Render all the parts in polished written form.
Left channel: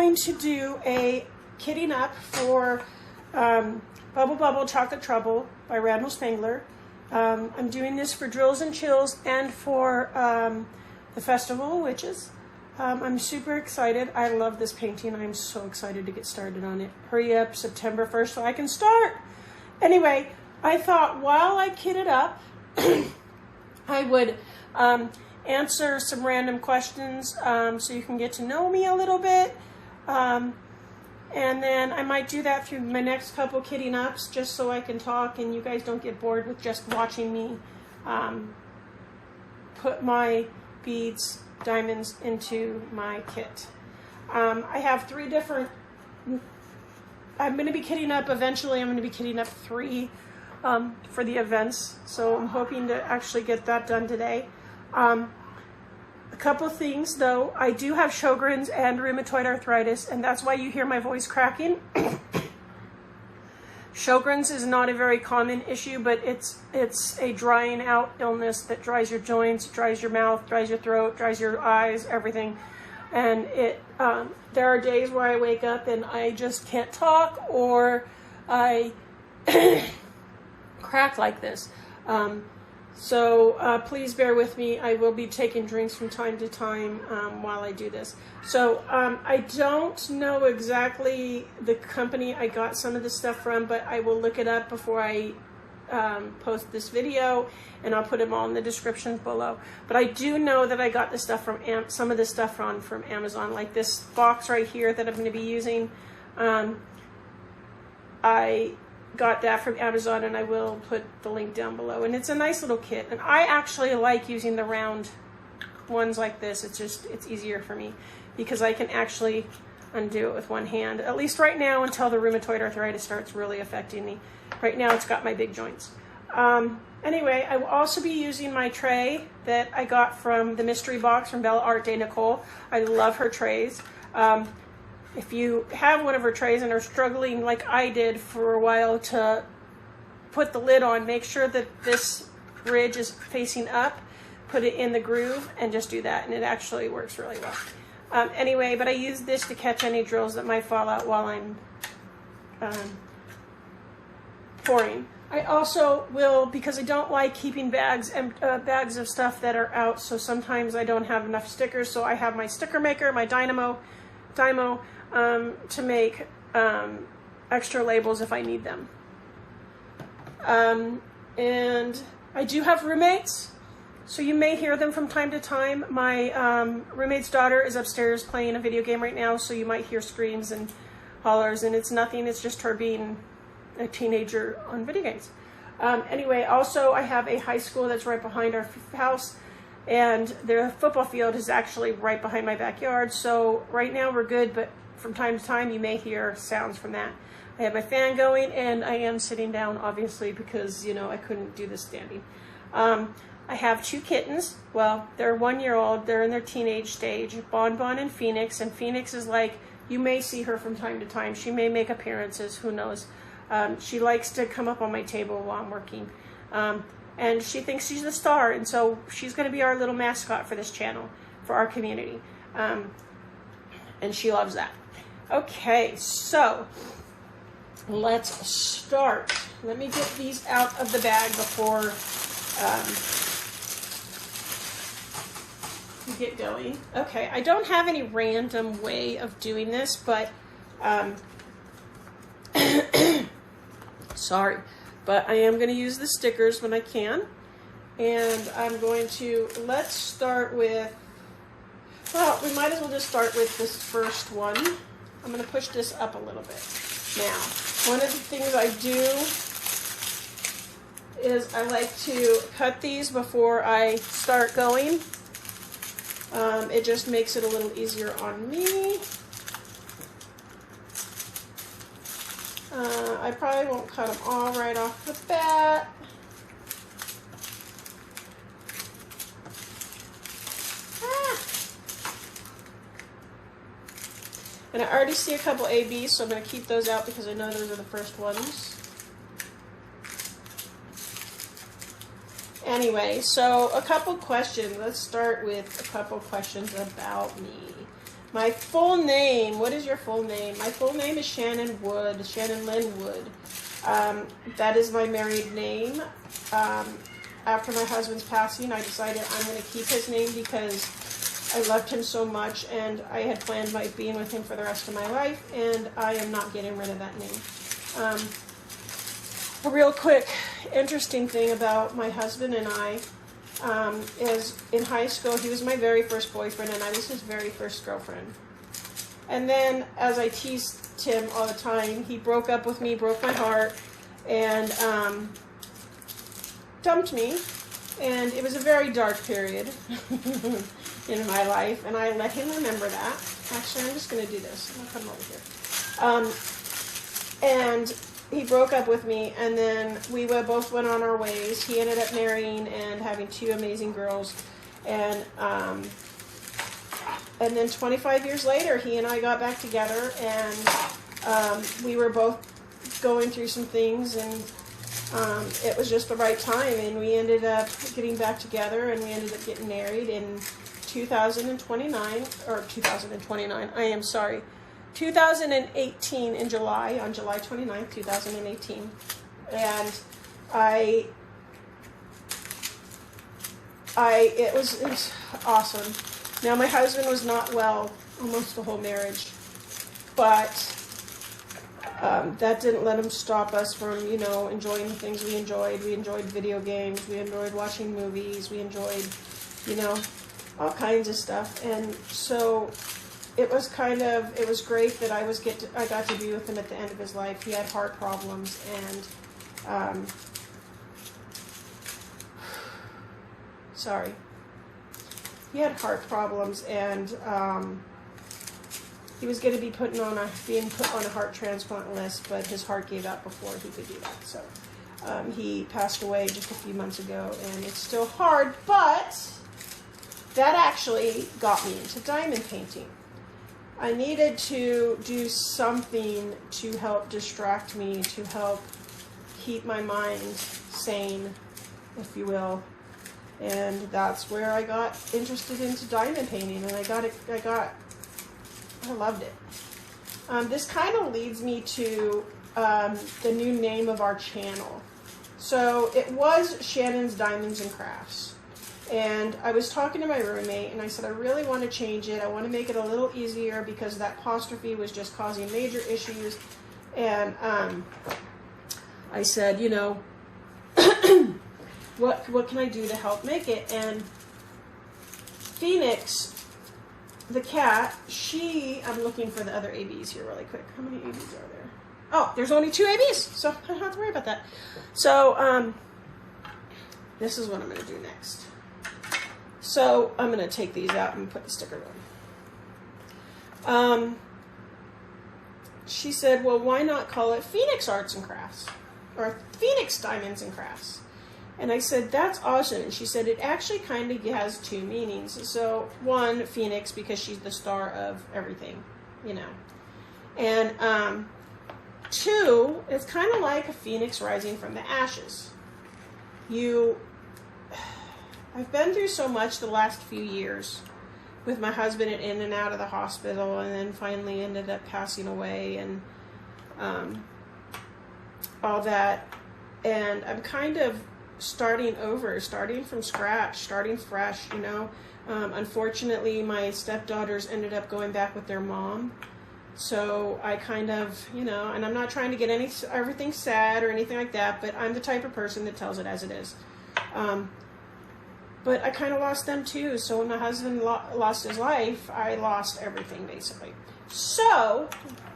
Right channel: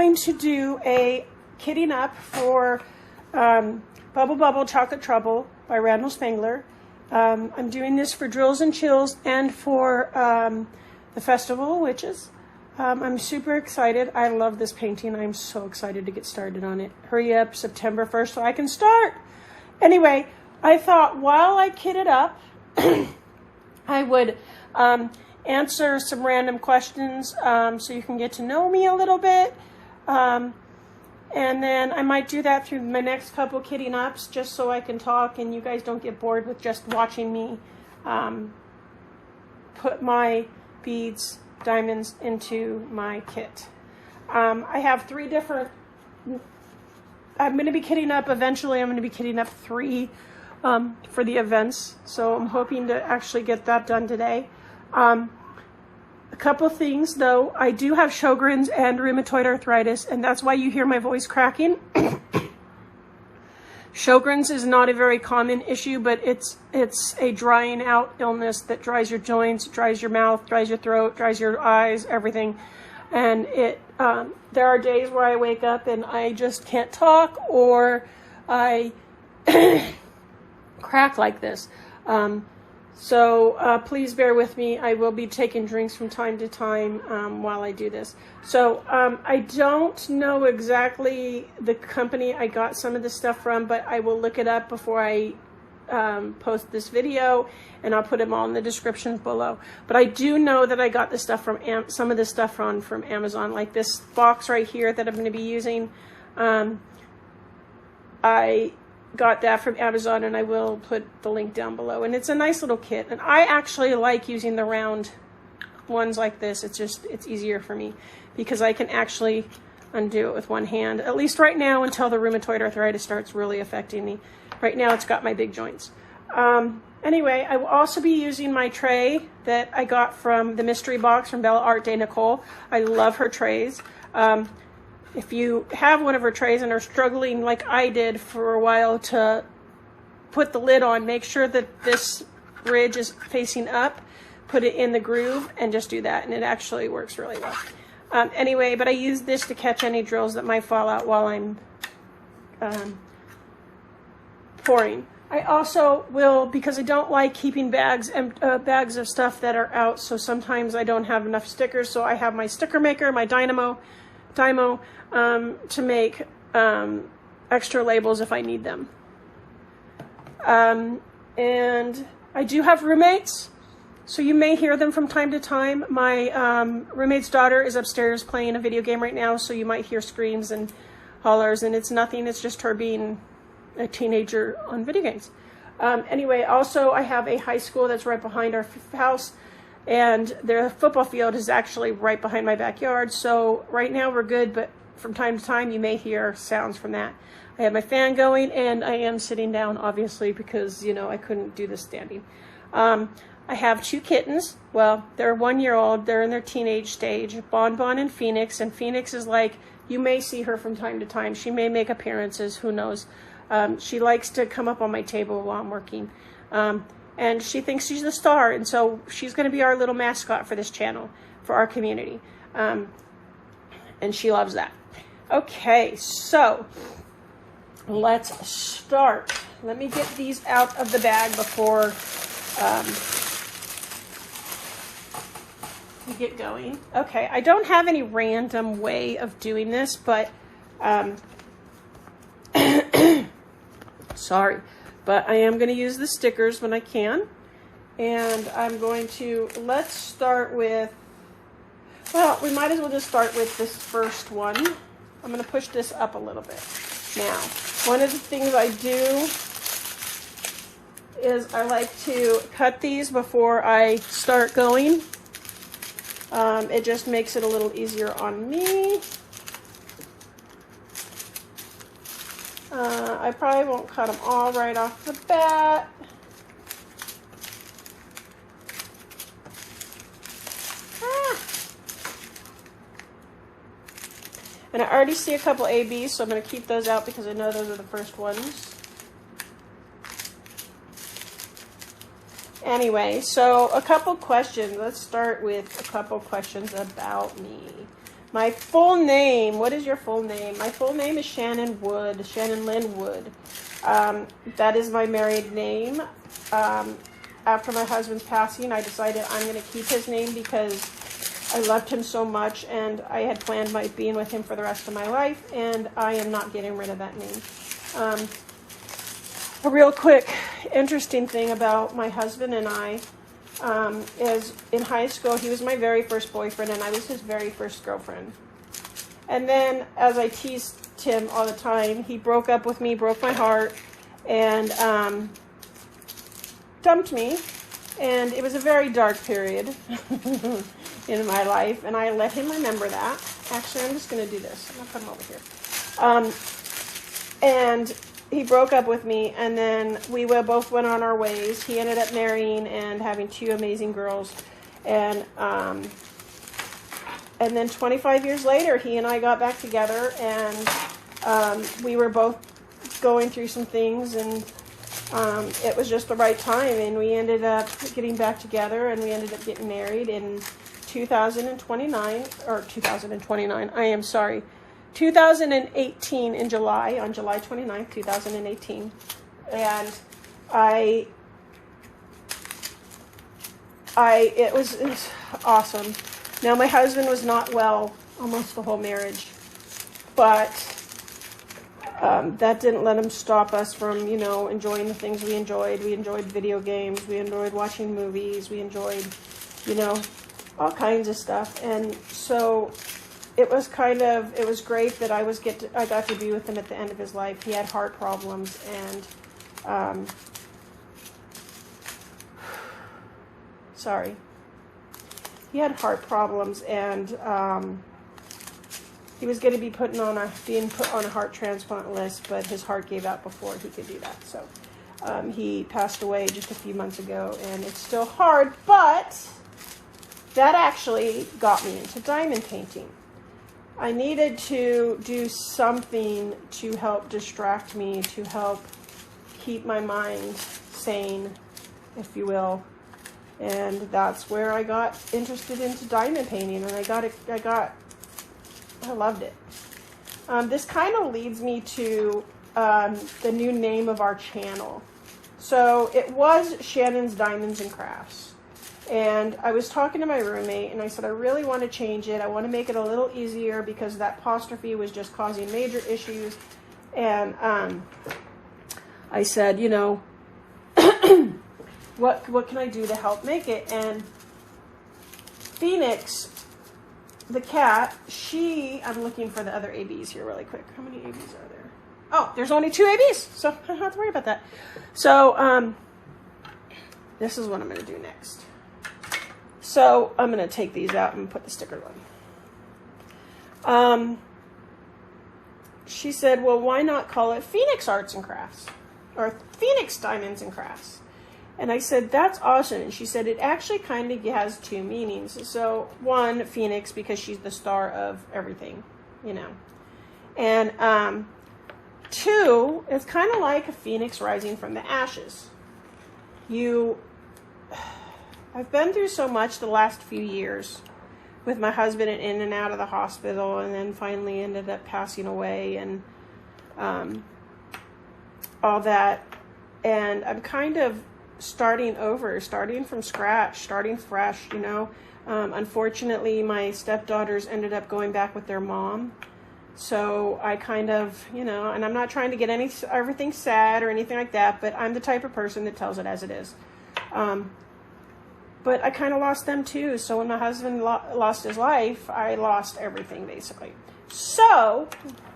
going to do a kitting up for Bubble Bubble Chocolate Trouble by Randall Spangler. I'm doing this for Drills and Chills and for the Festival of Witches. I'm super excited. I love this painting. I'm so excited to get started on it. Hurry up, September 1st, so I can start. Anyway, I thought while I kitted up, I would answer some random questions so you can get to know me a little bit. And then I might do that through my next couple kitting ups just so I can talk and you guys don't get bored with just watching me put my beads, diamonds into my kit. I have 3 different, I'm going to be kitting up, eventually I'm going to be kitting up 3 for the events, so I'm hoping to actually get that done today. A couple things though, I do have Sjogren's and rheumatoid arthritis, and that's why you hear my voice cracking. Sjogren's is not a very common issue, but it's a drying out illness that dries your joints, dries your mouth, dries your throat, dries your eyes, everything. And there are days where I wake up and I just can't talk, or I crack like this. So please bear with me. I will be taking drinks from time to time while I do this. So I don't know exactly the company I got some of the stuff from, but I will look it up before I post this video, and I'll put them all in the description below. But I do know that I got the stuff from some of this stuff from Amazon, like this box right here that I'm going to be using. I got that from Amazon, and I will put the link down below. And it's a nice little kit, and I actually like using the round ones like this. It's easier for me because I can actually undo it with one hand, at least right now, until the rheumatoid arthritis starts really affecting me. Right now it's got my big joints. Anyway, I will also be using my tray that I got from the mystery box from Bella Art de Nicole. I love her trays. If you have one of her trays and are struggling like I did for a while to put the lid on, make sure that this ridge is facing up, put it in the groove, and just do that, and it actually works really well. Anyway, but I use this to catch any drills that might fall out while I'm pouring. I also will, because I don't like keeping bags of stuff that are out, so sometimes I don't have enough stickers, so I have my sticker maker, my Dymo, to make extra labels if I need them. And I do have roommates, so you may hear them from time to time. My roommate's daughter is upstairs playing a video game right now, so you might hear screams and hollers, and it's nothing, it's just her being a teenager on video games. Anyway, also I have a high school that's right behind our house, and their football field is actually right behind my backyard, so right now we're good, but from time to time you may hear sounds from that. I have my fan going, and I am sitting down, obviously, because, you know, I couldn't do this standing. I have 2 kittens. Well, they're 1-year-old. They're in their teenage stage, Bonbon and Phoenix. And Phoenix is like, you may see her from time to time. She may make appearances, who knows. She likes to come up on my table while I'm working. And she thinks she's the star, and so she's going to be our little mascot for this channel, for our community. And she loves that. Okay, so let's start. Let me get these out of the bag before we get going. Okay, I don't have any random way of doing this, but sorry, but I am going to use the stickers when I can. And I'm going to, let's start with, well, we might as well just start with this first one. I'm going to push this up a little bit. Now, one of the things I do is I like to cut these before I start going. It just makes it a little easier on me. I probably won't cut them all right off the bat. And I already see a couple ABs, so I'm going to keep those out because I know those are the first ones. Anyway, so a couple questions. Let's start with a couple questions about me. My full name, what is your full name? My full name is Shannon Wood, Shannon Lynn Wood. That is my married name. After my husband's passing, I decided I'm going to keep his name because I loved him so much, and I had planned my being with him for the rest of my life, and I am not getting rid of that name. A real quick, interesting thing about my husband and I is in high school, he was my very first boyfriend, and I was his very first girlfriend. And then, as I teased him all the time, he broke up with me, broke my heart, and dumped me. And it was a very dark period in my life, and I let him remember that. Actually, I'm just going to do this. I'm going to put him over here. And he broke up with me, and then we both went on our ways. He ended up marrying and having 2 amazing girls. And then 25 years later, he and I got back together, and we were both going through some things, and it was just the right time, and we ended up getting back together, and we ended up getting married in 2029, or 2029, I am sorry, 2018 in July, on July 29th, 2018, and it was awesome. Now, my husband was not well almost the whole marriage, but that didn't let him stop us from, enjoying the things we enjoyed. We enjoyed video games, we enjoyed watching movies, we enjoyed, all kinds of stuff, and so it was great that I got to be with him at the end of his life. He had heart problems, and he had heart problems, and he was going to be being put on a heart transplant list, but his heart gave out before he could do that. So he passed away just a few months ago, and it's still hard, but that actually got me into diamond painting. I needed to do something to help distract me, to help keep my mind sane, if you will. And that's where I got interested into diamond painting, and I loved it. This kind of leads me to the new name of our channel. So it was Shannon's Diamonds and Crafts. And I was talking to my roommate, and I said, I really want to change it. I want to make it a little easier because that apostrophe was just causing major issues. And I said, what can I do to help make it? And Phoenix, the cat, I'm looking for the other ABs here really quick. How many ABs are there? Oh, there's only 2 ABs, so I don't have to worry about that. So this is what I'm going to do next. So I'm going to take these out and put the sticker on. She said, well, why not call it Phoenix Arts and Crafts? Or Phoenix Diamonds and Crafts? And I said, that's awesome. And she said, it actually kind of has 2 meanings. So 1, Phoenix, because she's the star of everything, And 2, it's kind of like a phoenix rising from the ashes. I've been through so much the last few years with my husband in and out of the hospital, and then finally ended up passing away, and all that. And I'm kind of starting over, starting from scratch, starting fresh, Unfortunately, my stepdaughters ended up going back with their mom. So I kind of, and I'm not trying to get everything sad or anything like that, but I'm the type of person that tells it as it is. But I kind of lost them too. So when my husband lost his life, I lost everything basically. So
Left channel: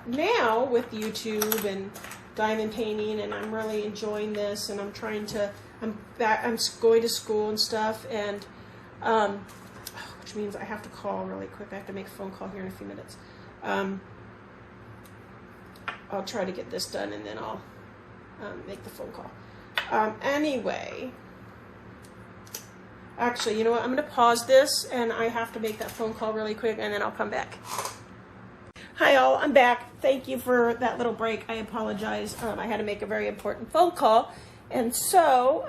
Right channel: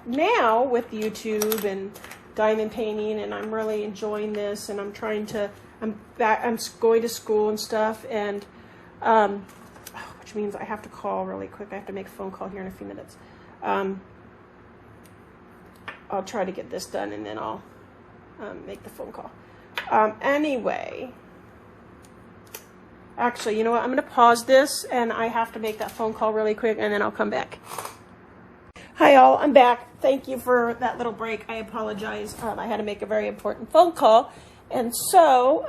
now with YouTube and diamond painting, and I'm really enjoying this, and I'm going to school and stuff, and which means I have to call really quick. I have to make a phone call here in a few minutes. I'll try to get this done, and then I'll make the phone call. Anyway, actually, you know what? I'm going to pause this, and I have to make that phone call really quick, and then I'll come back. Hi, all. I'm back. Thank you for that little break. I apologize. I had to make a very important phone call, and so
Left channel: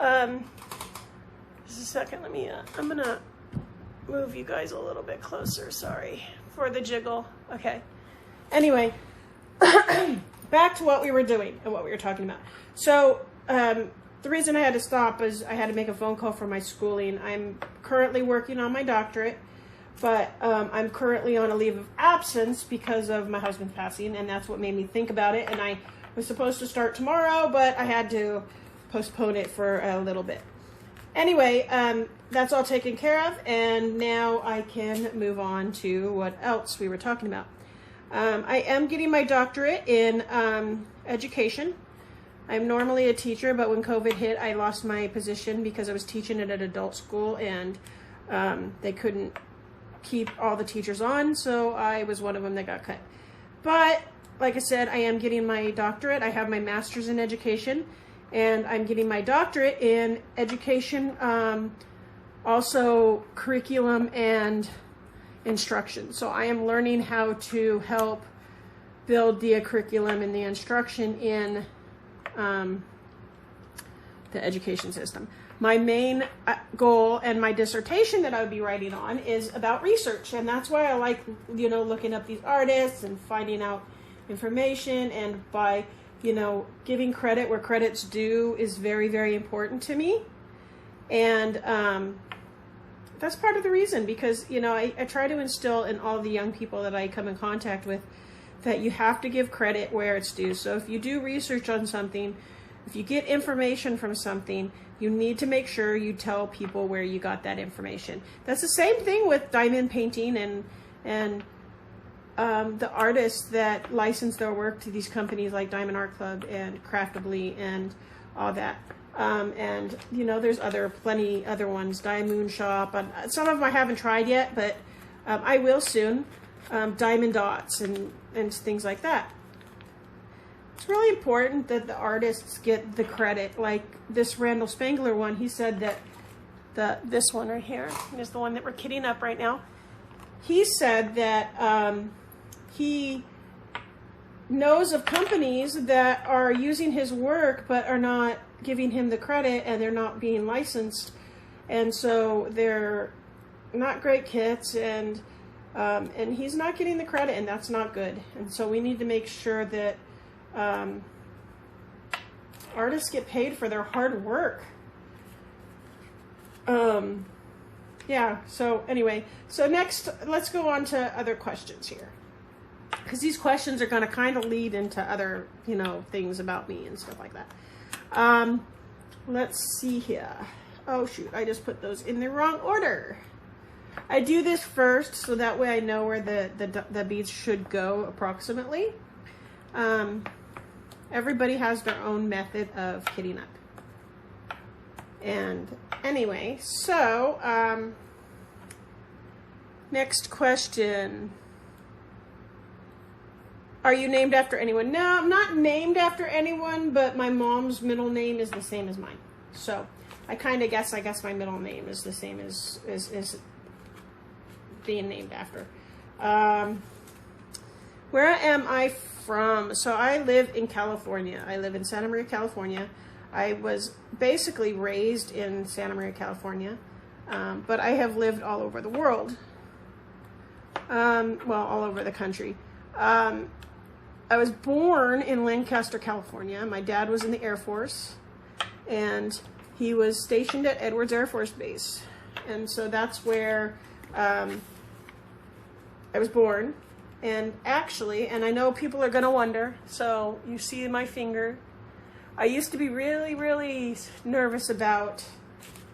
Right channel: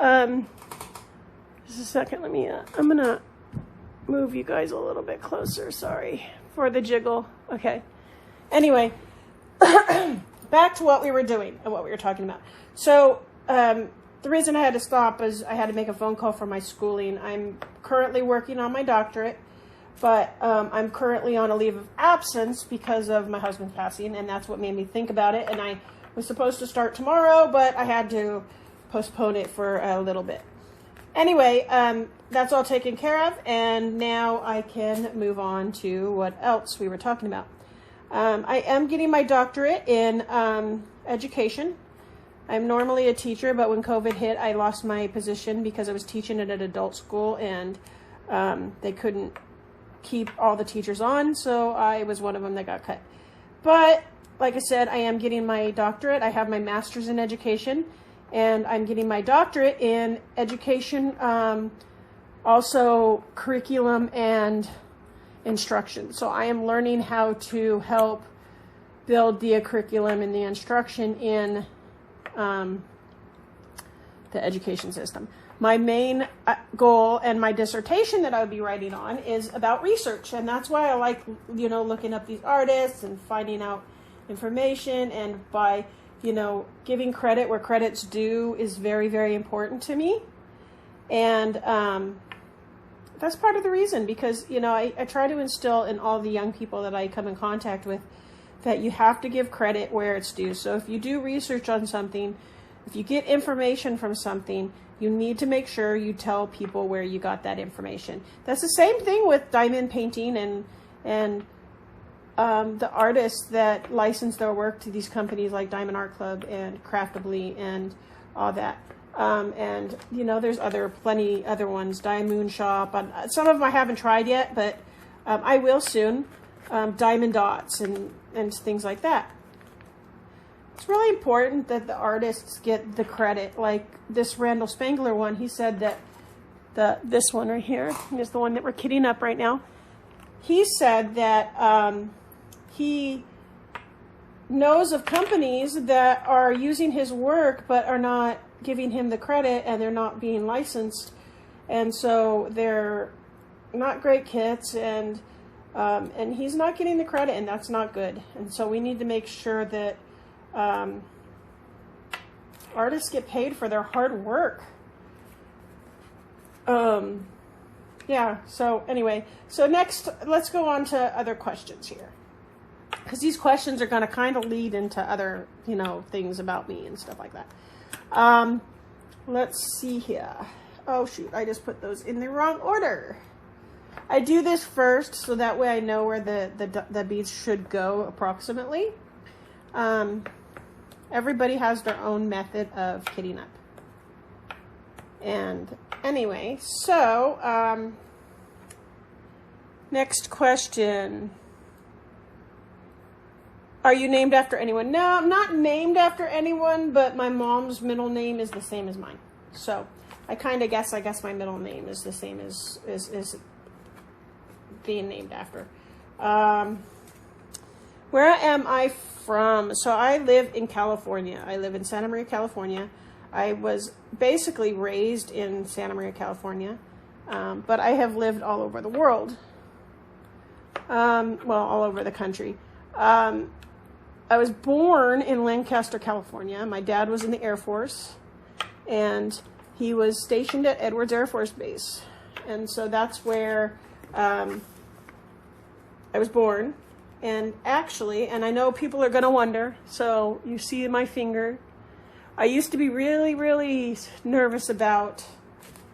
just a second. I'm gonna move you guys a little bit closer, sorry, for the jiggle. Okay. Anyway, back to what we were doing and what we were talking about. So, the reason I had to stop is I had to make a phone call for my schooling. I'm currently working on my doctorate, but I'm currently on a leave of absence because of my husband's passing, and that's what made me think about it. And I was supposed to start tomorrow, but I had to postpone it for a little bit. Anyway, that's all taken care of, and now I can move on to what else we were talking about. I am getting my doctorate in education. I'm normally a teacher, but when COVID hit, I lost my position because I was teaching at an adult school, and they couldn't keep all the teachers on, so I was one of them that got cut. But, like I said, I am getting my doctorate. I have my master's in education, and I'm getting my doctorate in education, also curriculum and instruction. So I am learning how to help build the curriculum and the instruction in the education system. My main goal and my dissertation that I would be writing on is about research, and that's why I like, you know, looking up these artists and finding out information, and by, you know, giving credit where credit's due is very, very important to me. And that's part of the reason, because, you know, I try to instill in all the young people that I come in contact with that you have to give credit where it's due. So if you do research on something, if you get information from something, you need to make sure you tell people where you got that information. That's the same thing with diamond painting and the artists that license their work to these companies like Diamond Art Club and Craftably and all that. And, you know, there's plenty other ones, Diamond Shop. Some of them I haven't tried yet, but I will soon. Diamond Dots and things like that. It's really important that the artists get the credit. Like this Randall Spangler one, he said that this one right here is the one that we're kidding up right now. He said that he knows of companies that are using his work but are not giving him the credit, and they're not being licensed, and so they're not great kits, and he's not getting the credit, and that's not good. And so we need to make sure that artists get paid for their hard work. Yeah, so anyway, so next let's go on to other questions here, because these questions are going to kind of lead into other, you know, things about me and stuff like that. Let's see here. Oh shoot, I just put those in the wrong order. I do this first so that way I know where the beads should go approximately. Everybody has their own method of kitting up. And anyway, so next question. Are you named after anyone? No, I'm not named after anyone, but my mom's middle name is the same as mine. So I guess my middle name is the same as being named after. Where am I from? So I live in California. I live in Santa Maria, California. I was basically raised in Santa Maria, California, but I have lived all over the world. Well, all over the country. I was born in Lancaster, California. My dad was in the Air Force, and he was stationed at Edwards Air Force Base. And so that's where I was born. And actually, and I know people are going to wonder, so you see my finger. I used to be really, really nervous about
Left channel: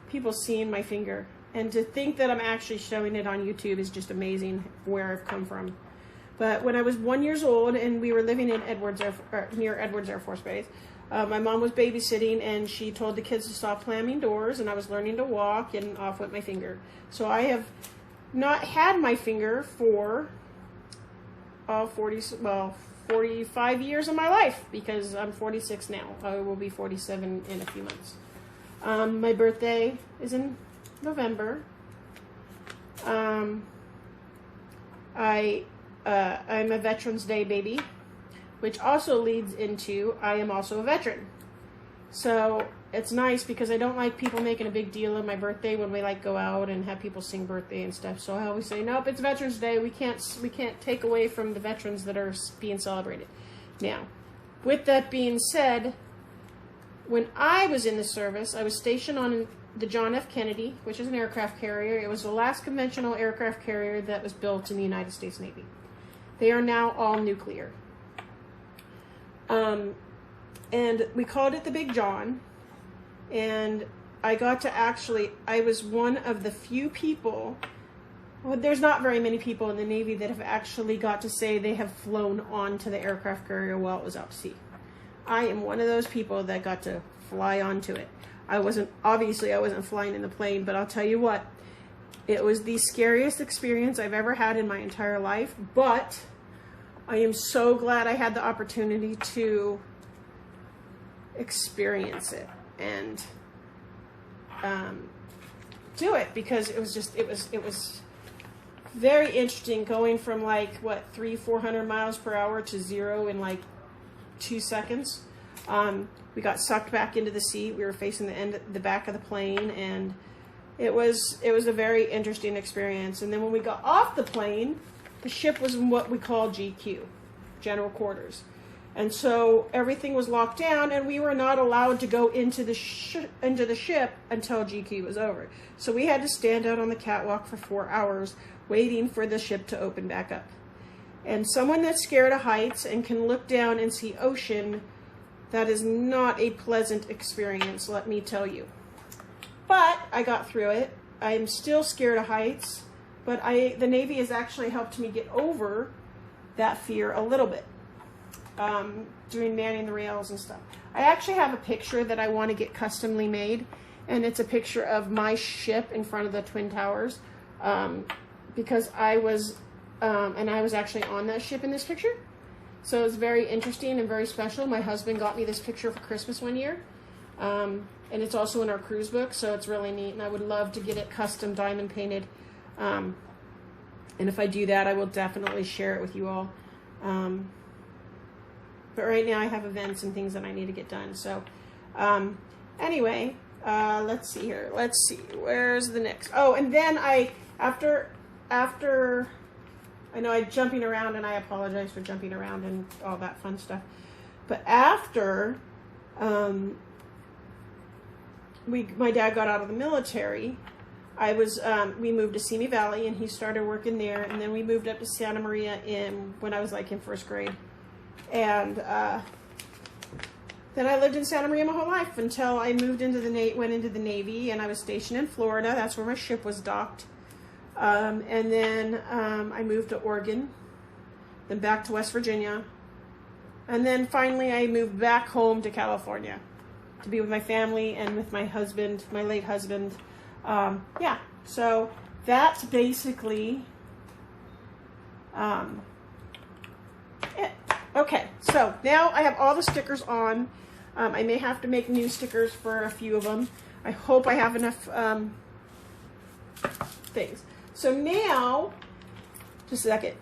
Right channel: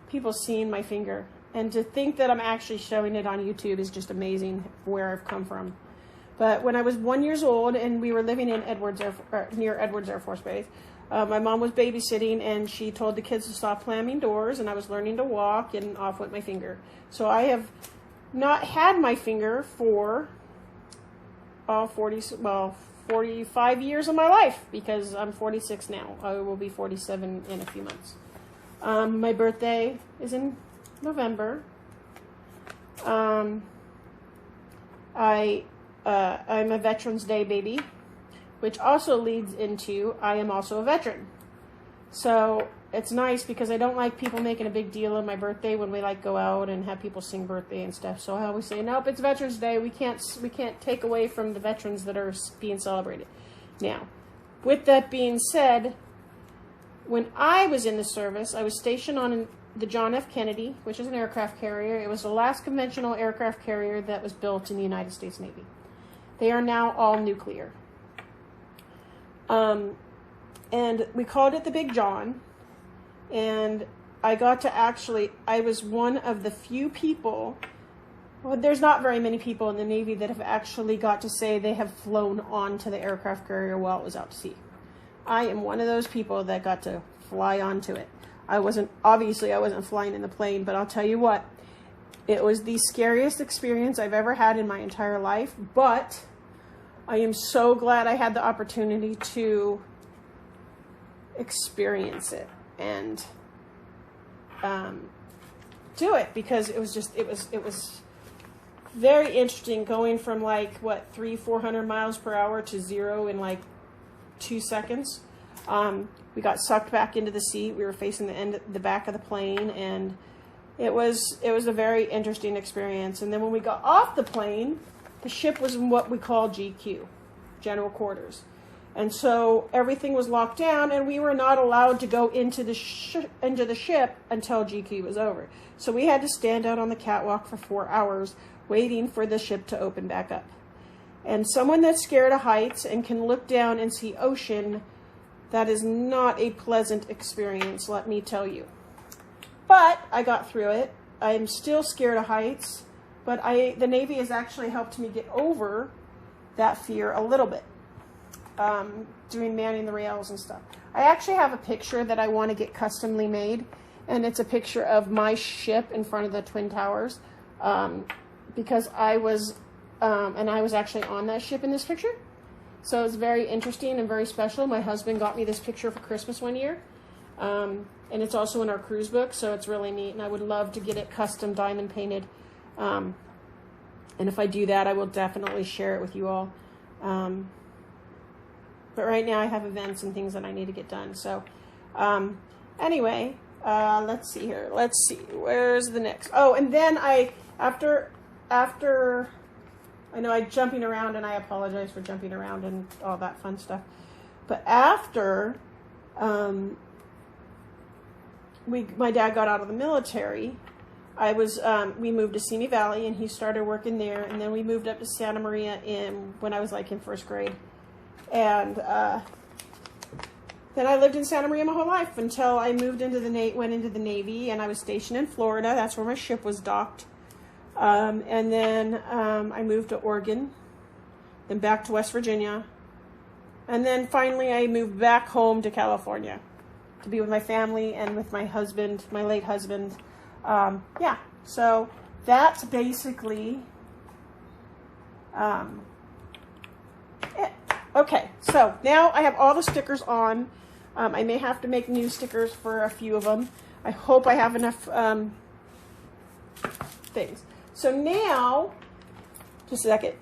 people seeing my finger. And to think that I'm actually showing it on YouTube is just amazing where I've come from. But when I was 1 year old and we were living in near Edwards Air Force Base, my mom was babysitting, and she told the kids to stop slamming doors, and I was learning to walk, and off went my finger. So I have not had my finger for 45 years of my life, because I'm 46 now. I will be 47 in a few months. My birthday is in November. I'm a Veterans Day baby, which also leads into I am also a veteran. So it's nice because I don't like people making a big deal of my birthday when we like go out and have people sing birthday and stuff. So I always say, nope, it's Veterans Day. We can't take away from the veterans that are being celebrated. Now, with that being said, when I was in the service, I was stationed on the John F. Kennedy, which is an aircraft carrier. It was the last conventional aircraft carrier that was built in the United States Navy. They are now all nuclear. And we called it the Big John. And I got to I was one of the few people, well, there's not very many people in the Navy that have actually got to say they have flown onto the aircraft carrier while it was out to sea. I am one of those people that got to fly onto it. Obviously I wasn't flying in the plane, but I'll tell you what, it was the scariest experience I've ever had in my entire life, but I am so glad I had the opportunity to experience it and do it, because it was very interesting going from like what 300-400 miles per hour to 0 in like 2 seconds. We got sucked back into the seat. We were facing the back of the plane, and it was a very interesting experience. And then when we got off the plane, the ship was in what we call GQ, General Quarters. And so everything was locked down, and we were not allowed to go into the ship until GQ was over. So we had to stand out on the catwalk for 4 hours waiting for the ship to open back up. And someone that's scared of heights and can look down and see ocean, that is not a pleasant experience, let me tell you. But I got through it. I am still scared of heights, but the Navy has actually helped me get over that fear a little bit, doing manning the rails and stuff. I actually have a picture that I want to get customly made, and it's a picture of my ship in front of the Twin Towers, because I was actually on that ship in this picture. So it's very interesting and very special. My husband got me this picture for Christmas one year. And it's also in our cruise book, so it's really neat. And I would love to get it custom diamond painted. And if I do that, I will definitely share it with you all. But right now I have events and things that I need to get done. So anyway, let's see here. Let's see. Where's the next? Oh, and then after I know I'm jumping around, and I apologize for jumping around and all that fun stuff. But after my dad got out of the military, we moved to Simi Valley, and he started working there. And then we moved up to Santa Maria when I was like in 1st grade. And then I lived in Santa Maria my whole life until I went into the Navy, and I was stationed in Florida. That's where my ship was docked. And then I moved to Oregon, then back to West Virginia, and then finally I moved back home to California to be with my family and with my husband, my late husband. Yeah, so that's basically it. Okay, so now I have all the stickers on. I may have to make new stickers for a few of them. I hope I have enough things. So now, just a second.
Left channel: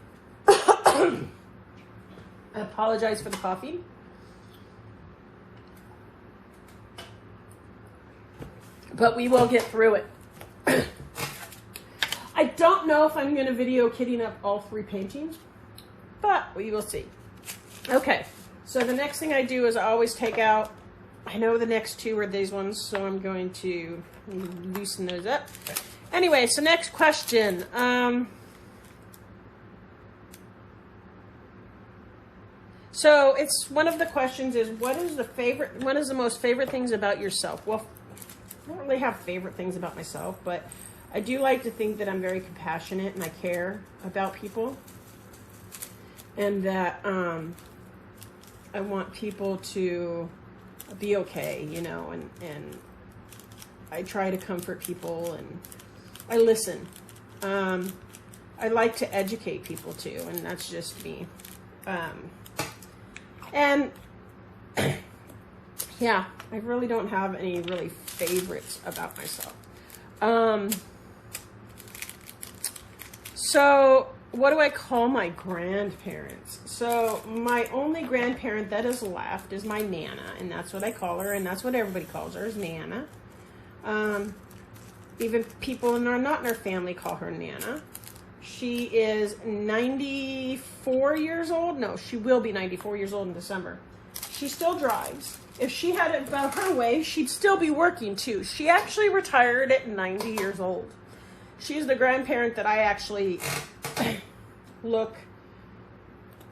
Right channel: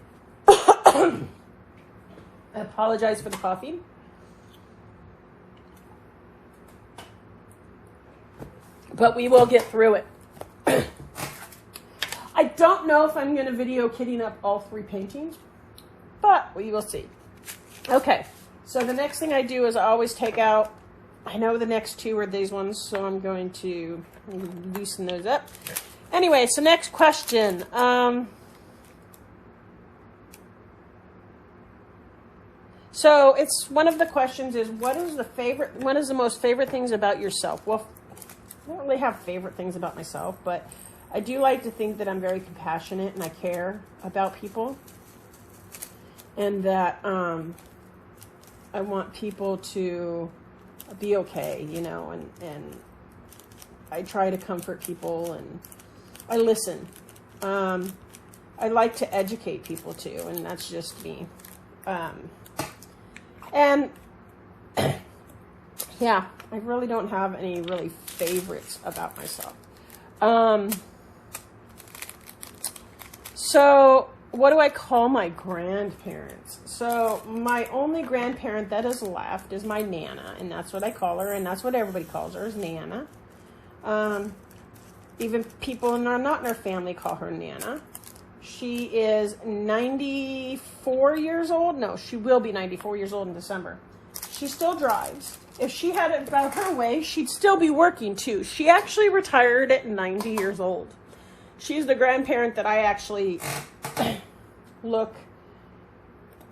I apologize for the coffee. But we will get through it. I don't know if I'm going to video kitting up all 3 paintings, but we will see. Okay, so the next thing I do is I always take out, I know the next 2 are these ones, so I'm going to loosen those up. Anyway, so next question. So it's one of the questions is, what is the most favorite things about yourself? Well, I don't really have favorite things about myself, but I do like to think that I'm very compassionate and I care about people, and that I want people to be okay, you know, and I try to comfort people, and I listen. I like to educate people too, and that's just me. And yeah, I really don't have any really favorites about myself. So what do I call my grandparents? So my only grandparent that is left is my Nana, and that's what I call her, and that's what everybody calls her, is Nana. Even people that are not in her family call her Nana. She is 94 years old. No, she will be 94 years old in December. She still drives. If she had it about her way, she'd still be working too. She actually retired at 90 years old. She's the grandparent that I actually look,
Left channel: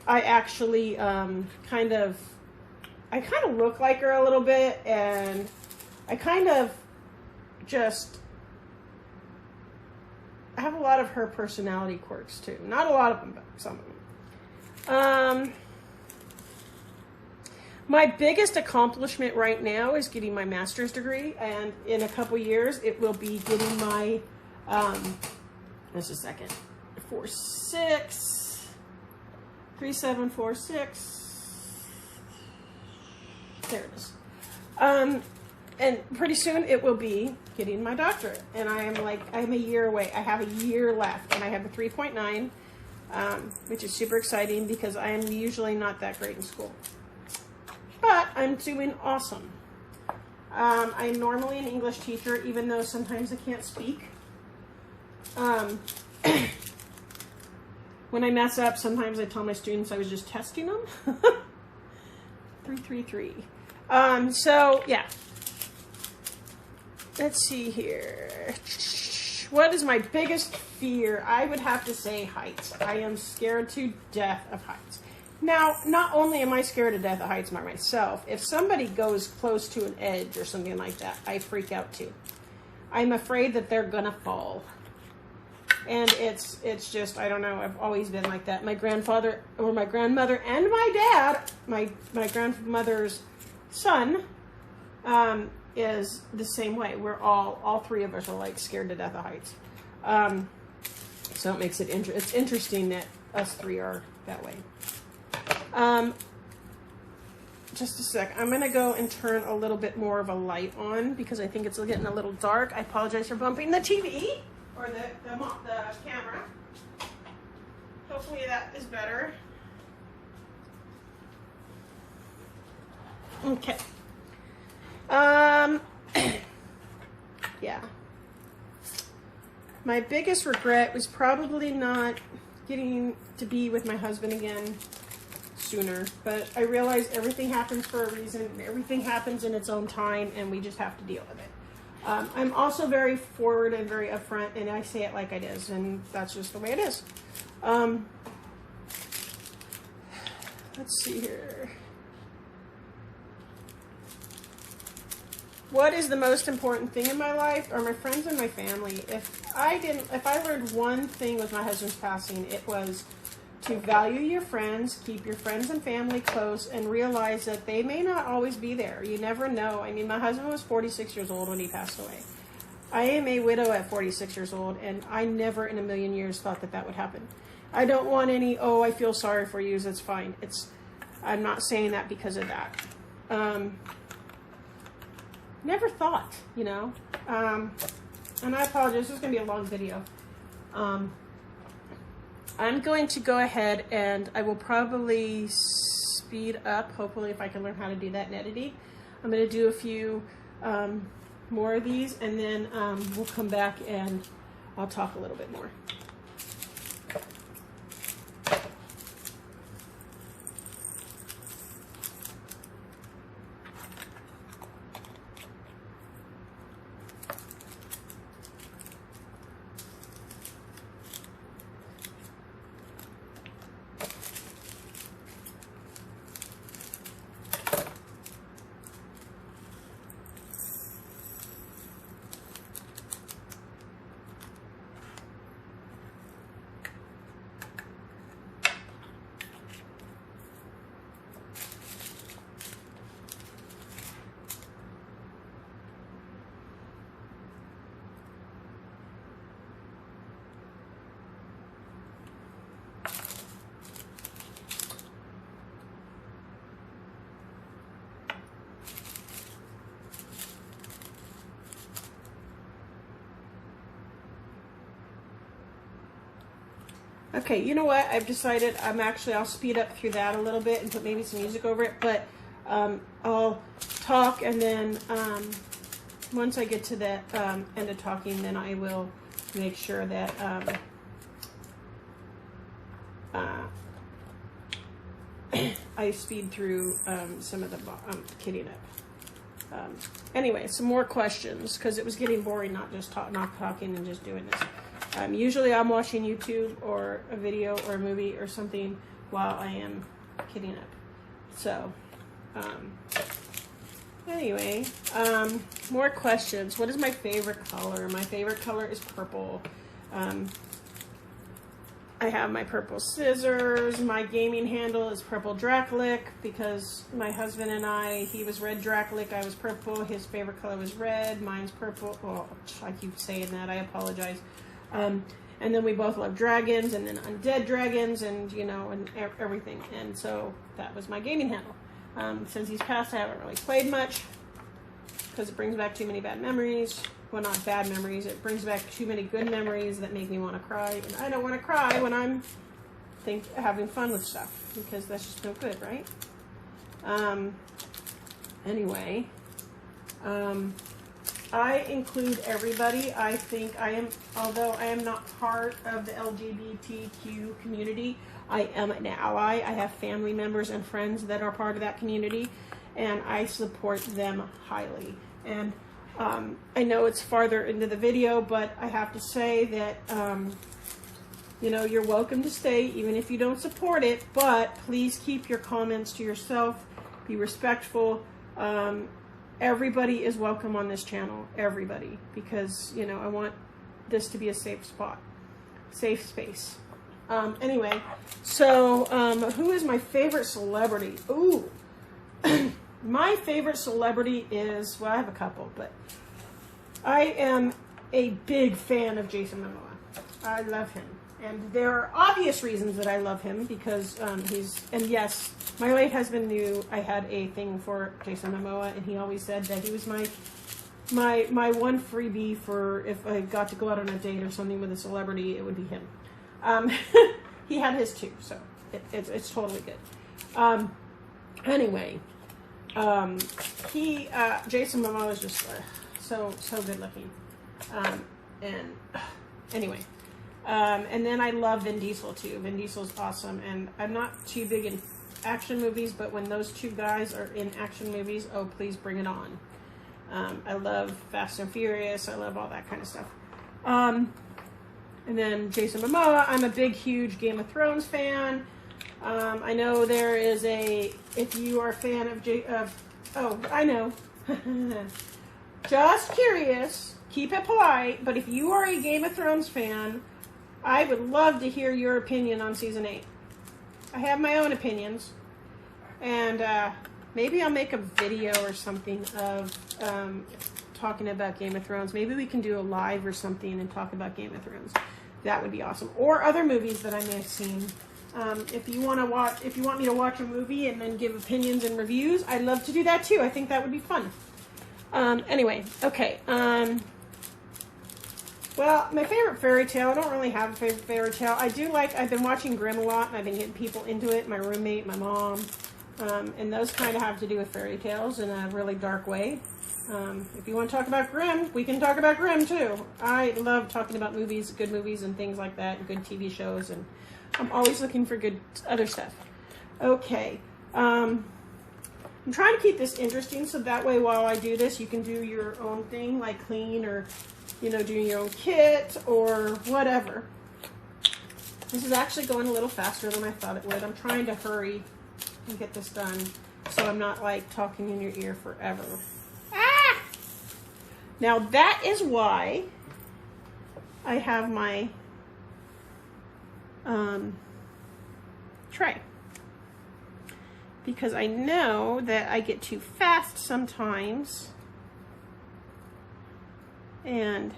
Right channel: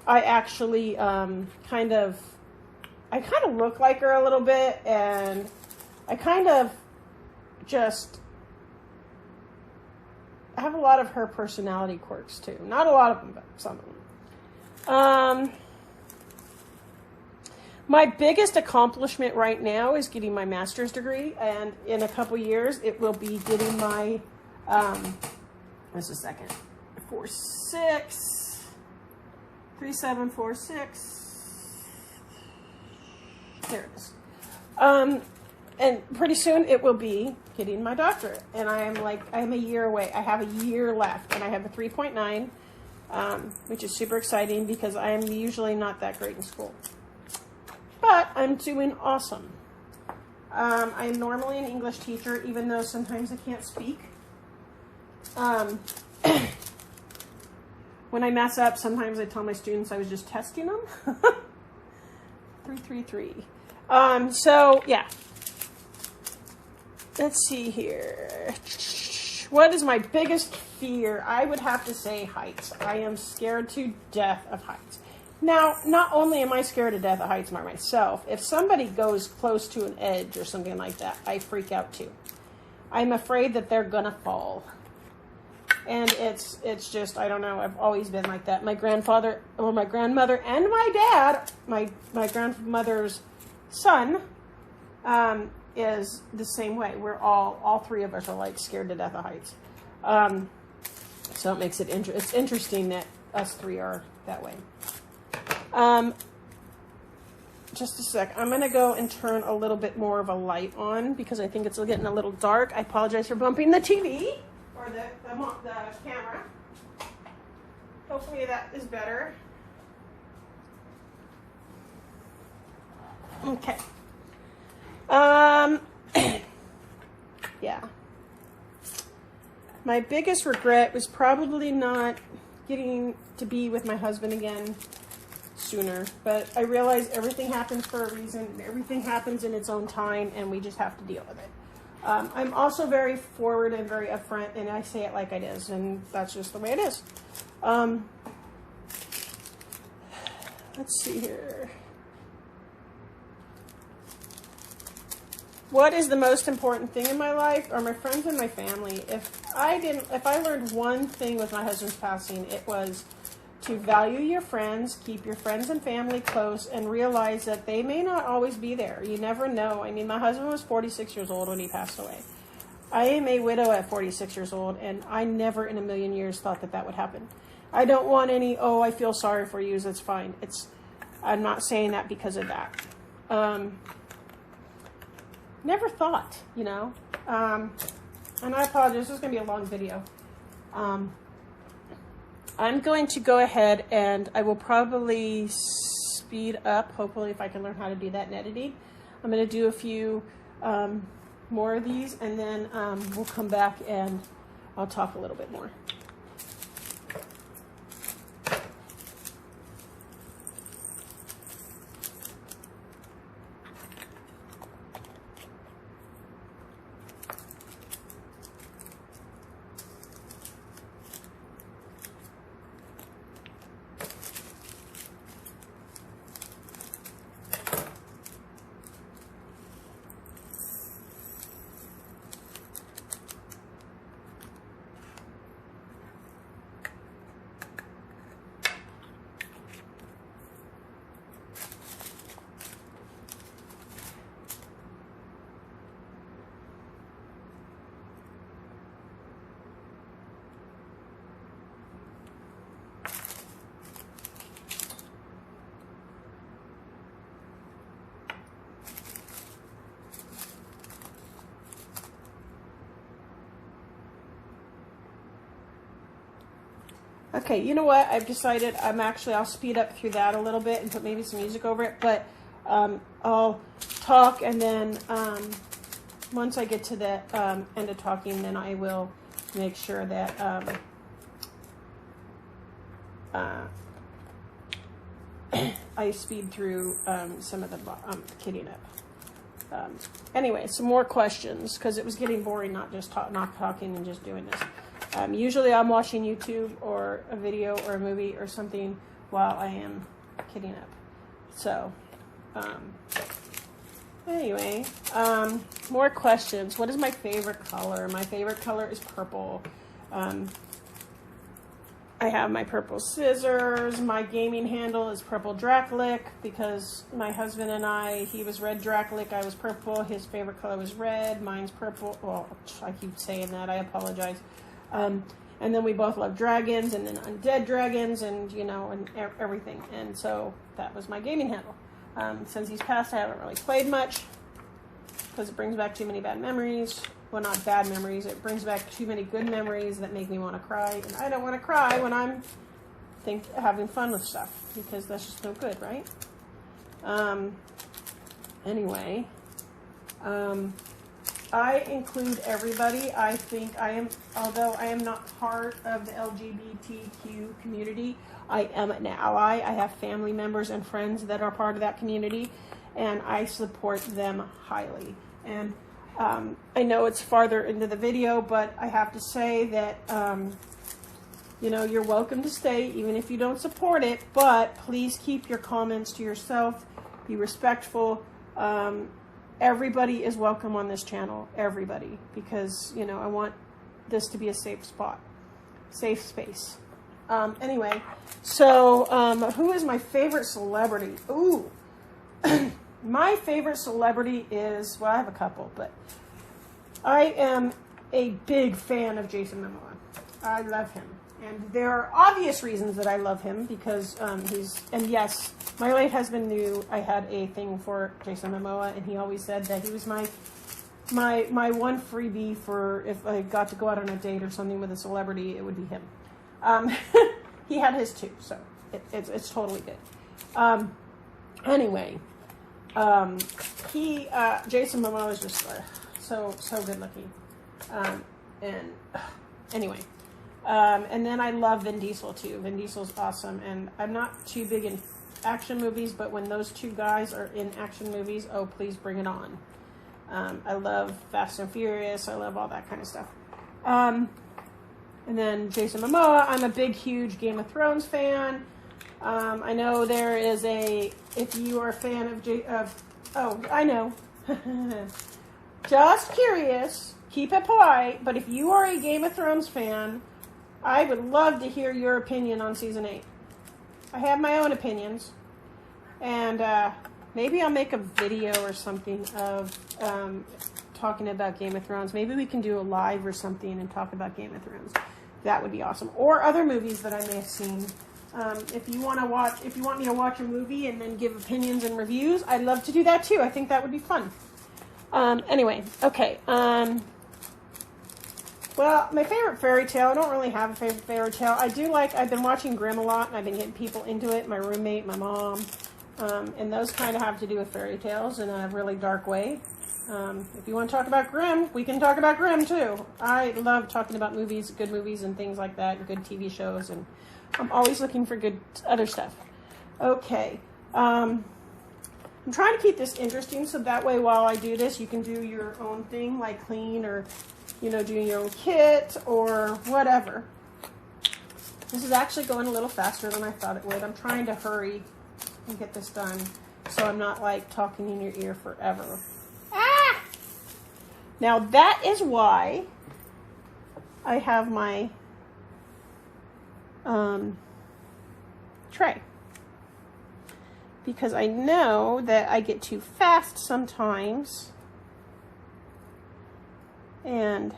I actually kind of look like her a little bit, and I kind of just have a lot of her personality quirks too. Not a lot of them, but some of them. My biggest accomplishment right now is getting my master's degree, and in a couple years it will be getting my, just a second, 3746, there it is. And pretty soon it will be getting my doctorate, and I'm a year away. I have a year left, and I have a 3.9, which is super exciting because I am usually not that great in school. But I'm doing awesome. I'm normally an English teacher, even though sometimes I can't speak. When I mess up, sometimes I tell my students I was just testing them. 333. So, yeah. Let's see here. What is my biggest fear? I would have to say heights. I am scared to death of heights. Now, not only am I scared to death of heights by myself, if somebody goes close to an edge or something like that, I freak out too. I'm afraid that they're gonna fall. And it's just, I don't know, I've always been like that. My grandfather, or my grandmother, and my dad, my grandmother's son, is the same way. We're all three of us are like scared to death of heights. So it makes it it's interesting that us three are that way. Just a sec. I'm going to go and turn a little bit more of a light on because I think it's getting a little dark. I apologize for bumping the TV or the camera. Hopefully that is better. Okay. Yeah. My biggest regret was probably not getting to be with my husband again sooner, but I realize everything happens for a reason. Everything happens in its own time, and we just have to deal with it. I'm also very forward and very upfront, and I say it like it is, and that's just the way it is. Let's see here. What is the most important thing in my life? Are my friends and my family. If I learned one thing with my husband's passing, it was to value your friends, keep your friends and family close, and realize that they may not always be there. You never know. I mean, my husband was 46 years old when he passed away. I am a widow at 46 years old, and I never in a million years thought that would happen. I don't want any, oh, I feel sorry for you, that's fine. I'm not saying that because of that. Never thought, you know. And I apologize, this is going to be a long video. I'm going to go ahead and I will probably speed up, hopefully if I can learn how to do that in editing. I'm going to do a few more of these, and then we'll come back and I'll talk a little bit more. Okay, you know what? I've decided I'll speed up through that a little bit and put maybe some music over it, but I'll talk, and then once I get to the end of talking, then I will make sure that I speed through some of the kidding up. Anyway, some more questions, because it was getting boring not talking and just doing this. Usually I'm watching YouTube or a video or a movie or something while I am kidding up. So, anyway, more questions. What is my favorite color? My favorite color is purple. I have my purple scissors. My gaming handle is purple Dracolic, because my husband and he was red Dracolic, I was purple. His favorite color was red, mine's purple. Oh, I keep saying that, I apologize. And then we both love dragons, and then undead dragons, and you know, and everything. And so that was my gaming handle. Since he's passed, I haven't really played much, because it brings back too many bad memories. Well, not bad memories. It brings back too many good memories that make me want to cry. And I don't want to cry when I'm having fun with stuff, because that's just no good, right? Anyway, I include everybody. I think although I am not part of the LGBTQ community, I am an ally. I have family members and friends that are part of that community, and I support them highly. And I know it's farther into the video, but I have to say that, you know, you're welcome to stay even if you don't support it, but please keep your comments to yourself. Be respectful. Everybody is welcome on this channel. Everybody. Because, you know, I want this to be a safe spot. Safe space. Anyway, so who is my favorite celebrity? Ooh. My favorite celebrity is, well, I have a couple, but I am a big fan of Jason Momoa. I love him. And there are obvious reasons that I love him, because and yes, my late husband knew I had a thing for Jason Momoa, and he always said that he was my one freebie for if I got to go out on a date or something with a celebrity, it would be him. He had his too, so it's totally good. Anyway, Jason Momoa is just so good looking. Anyway. And then I love Vin Diesel too. Vin Diesel's awesome, and I'm not too big in action movies, but when those two guys are in action movies, oh, please bring it on. I love Fast and Furious. I love all that kind of stuff. And then Jason Momoa, I'm a big, huge Game of Thrones fan. I know there is if you are a fan oh, I know. Just curious, keep it polite, but if you are a Game of Thrones fan, I would love to hear your opinion on season 8. I have my own opinions, and maybe I'll make a video or something of talking about Game of Thrones. Maybe we can do a live or something and talk about Game of Thrones. That would be awesome. Or other movies that I may have seen. If you want me to watch a movie and then give opinions and reviews, I'd love to do that too. I think that would be fun. Anyway, okay. Well, my favorite fairy tale, I don't really have a favorite fairy tale. I've been watching Grimm a lot, and I've been getting people into it, my roommate, my mom, and those kind of have to do with fairy tales in a really dark way. If you want to talk about Grimm, we can talk about Grimm too. I love talking about movies, good movies and things like that, and good TV shows, and I'm always looking for good other stuff. Okay, I'm trying to keep this interesting, so that way while I do this, you can do your own thing, like clean or, you know, doing your own kit or whatever. This is actually going a little faster than I thought it would. I'm trying to hurry and get this done so I'm not like talking in your ear forever. Ah! Now that is why I have my tray. Because I know that I get too fast sometimes. And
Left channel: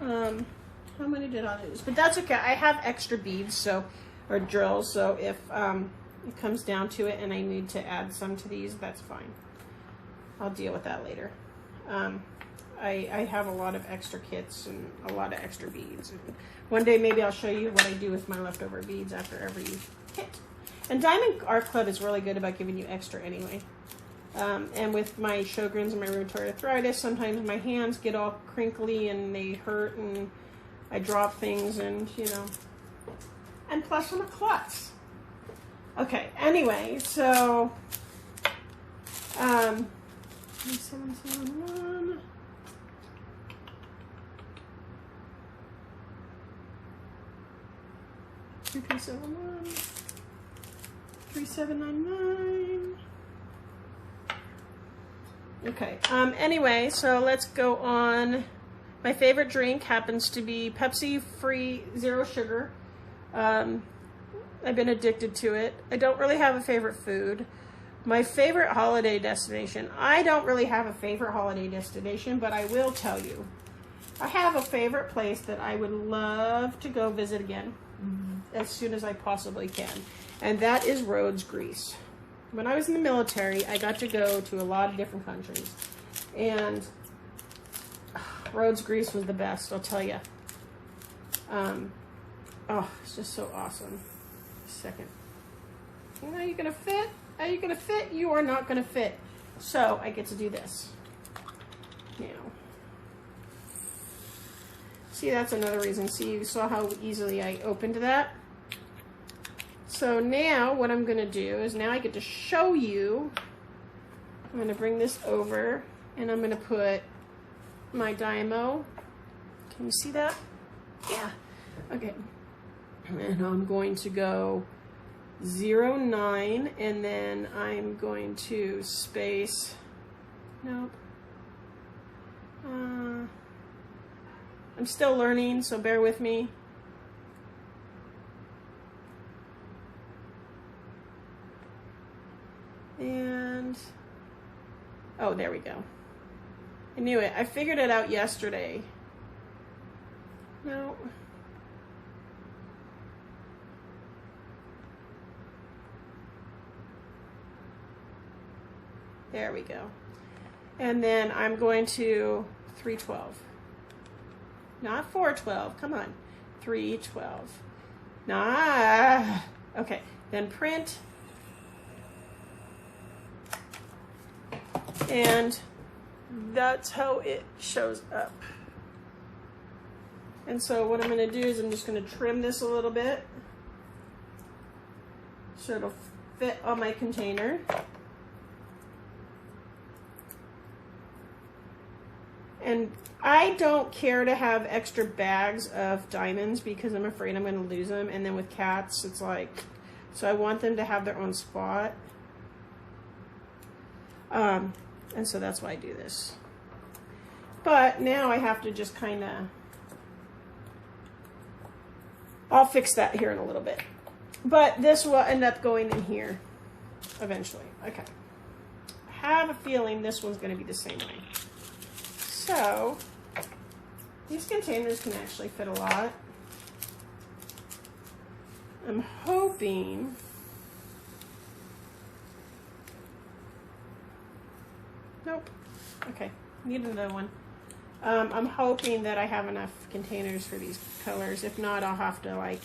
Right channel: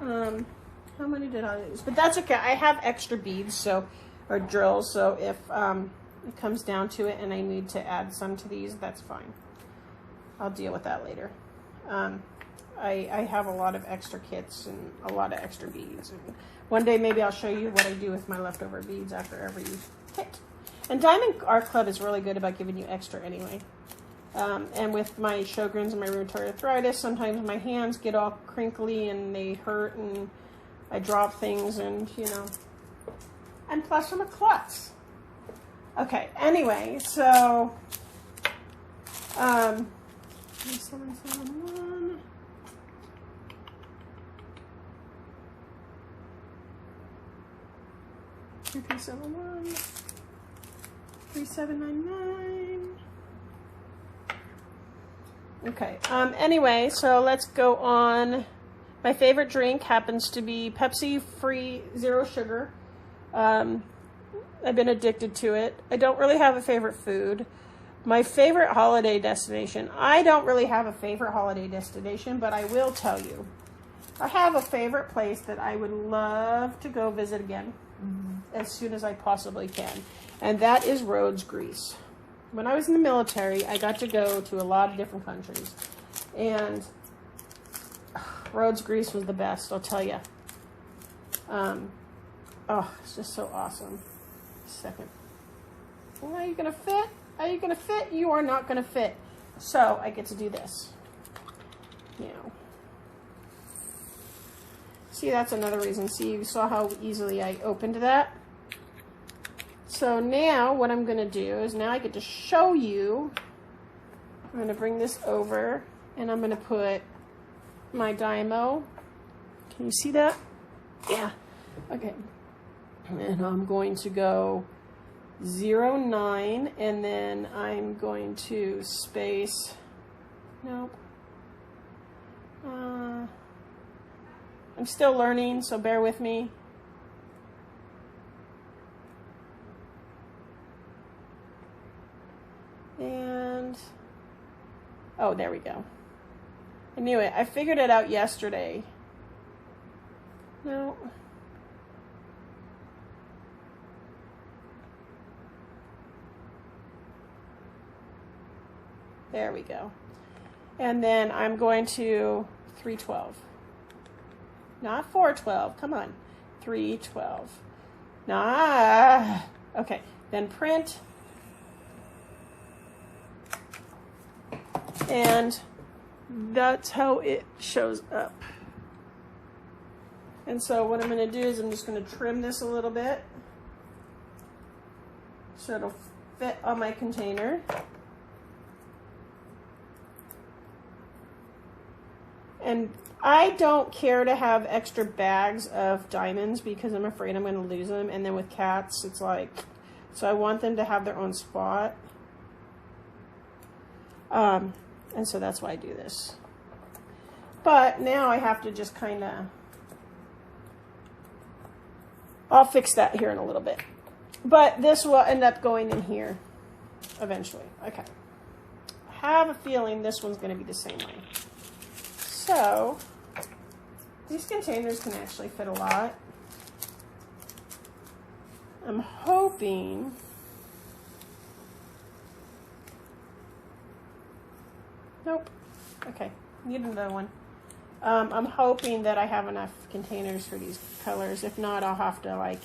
how many did I lose? But that's okay. I have extra beads, or drills, so if it comes down to it and I need to add some to these, that's fine. I'll deal with that later. I have a lot of extra kits and a lot of extra beads. And one day maybe I'll show you what I do with my leftover beads after every kit. And Diamond Art Club is really good about giving you extra anyway. And with my Sjogren's and my rheumatoid arthritis, sometimes my hands get all crinkly and they hurt and I drop things and, you know. And plus I'm a klutz. Okay, anyway, so 3771. 3371. 3799. Okay, anyway, so let's go on. My favorite drink happens to be Pepsi free, zero sugar. I've been addicted to it. I don't really have a favorite food. My favorite holiday destination. I don't really have a favorite holiday destination, but I will tell you. I have a favorite place that I would love to go visit again as soon as I possibly can. And that is Rhodes, Greece. When I was in the military, I got to go to a lot of different countries. And Rhodes, Greece was the best, I'll tell you. Oh, it's just so awesome. Second. Are you gonna fit? Are you gonna fit? You are not gonna fit. So I get to do this. Now. See, that's another reason. See, you saw how easily I opened that? So now what I'm gonna do is now I get to show you. I'm gonna bring this over and I'm gonna put my Dymo. Can you see that? Yeah. Okay. And I'm going to go 09 and then I'm going to space, nope. I'm still learning, so bear with me. And, oh, there we go. I knew it. I figured it out yesterday. No. There we go. And then I'm going to 312. Not 412. Come on. 312. Nah. Okay. Then print. And that's how it shows up. And so what I'm going to do is I'm just going to trim this a little bit so it'll fit on my container. And I don't care to have extra bags of diamonds because I'm afraid I'm going to lose them. And then with cats, it's like, so I want them to have their own spot. And so that's why I do this. But now I have to just kind of, I'll fix that here in a little bit. But this will end up going in here eventually. Okay. I have a feeling this one's going to be the same way. So, these containers can actually fit a lot. I'm hoping nope. Okay, need another one. I'm hoping that I have enough containers for these colors. If not, I'll have to like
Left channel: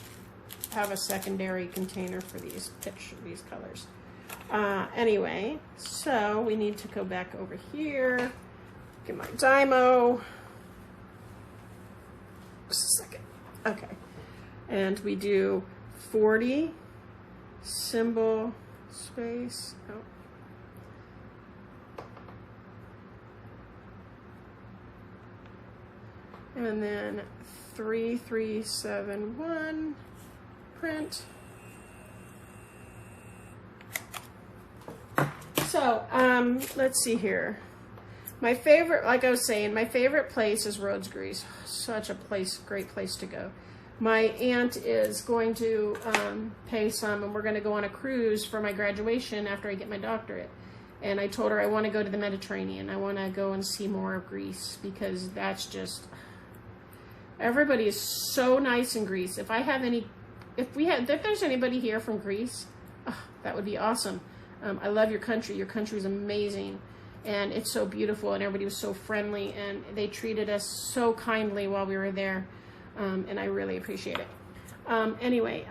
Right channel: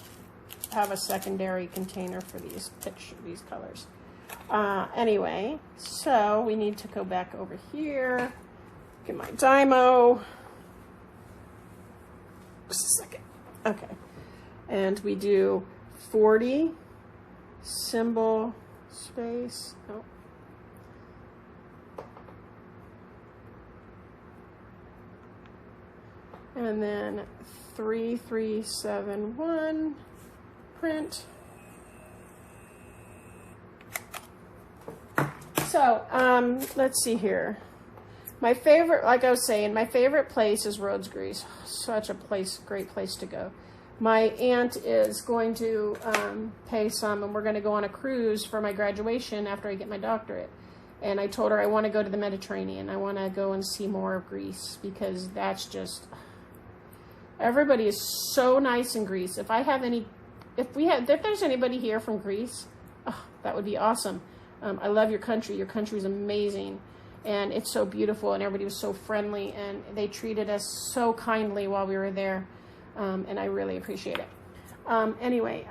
have a secondary container for these colors. Anyway, so we need to go back over here. Get my Dymo. Just a second. Okay. And we do 40 symbol space. Oh. And then 3371 print. So, let's see here. My favorite, like I was saying, my favorite place is Rhodes, Greece. Such a place, great place to go. My aunt is going to pay some, and we're going to go on a cruise for my graduation after I get my doctorate. And I told her I want to go to the Mediterranean. I want to go and see more of Greece because that's just, everybody is so nice in Greece. If there's anybody here from Greece, oh, that would be awesome. I love your country. Your country is amazing. and it's so beautiful, and everybody was so friendly, and they treated us so kindly while we were there, and I really appreciate it. Anyway,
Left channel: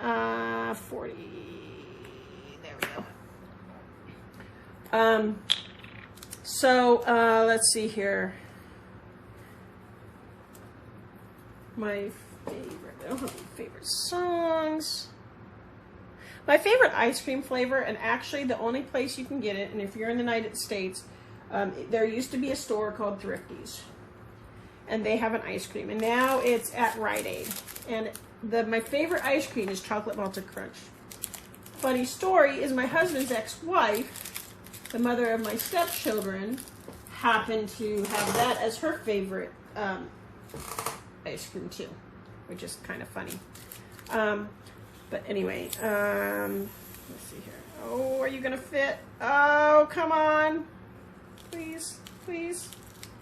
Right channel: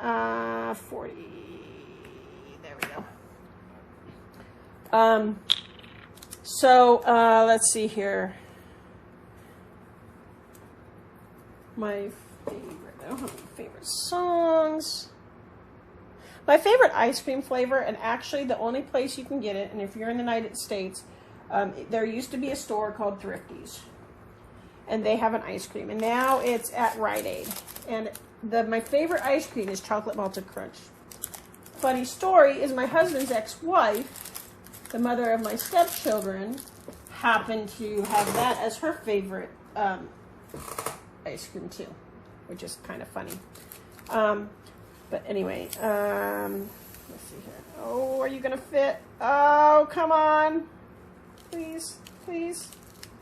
40, there we go. Let's see here. My favorite songs. My favorite ice cream flavor, and actually the only place you can get it, and if you're in the United States, there used to be a store called Thrifty's, and they have an ice cream, and now it's at Rite Aid. And my favorite ice cream is chocolate malted crunch. Funny story is my husband's ex-wife, the mother of my stepchildren, happened to have that as her favorite ice cream too, which is kind of funny. But anyway, let's see here. Oh, are you gonna fit? Oh, come on. Please, please.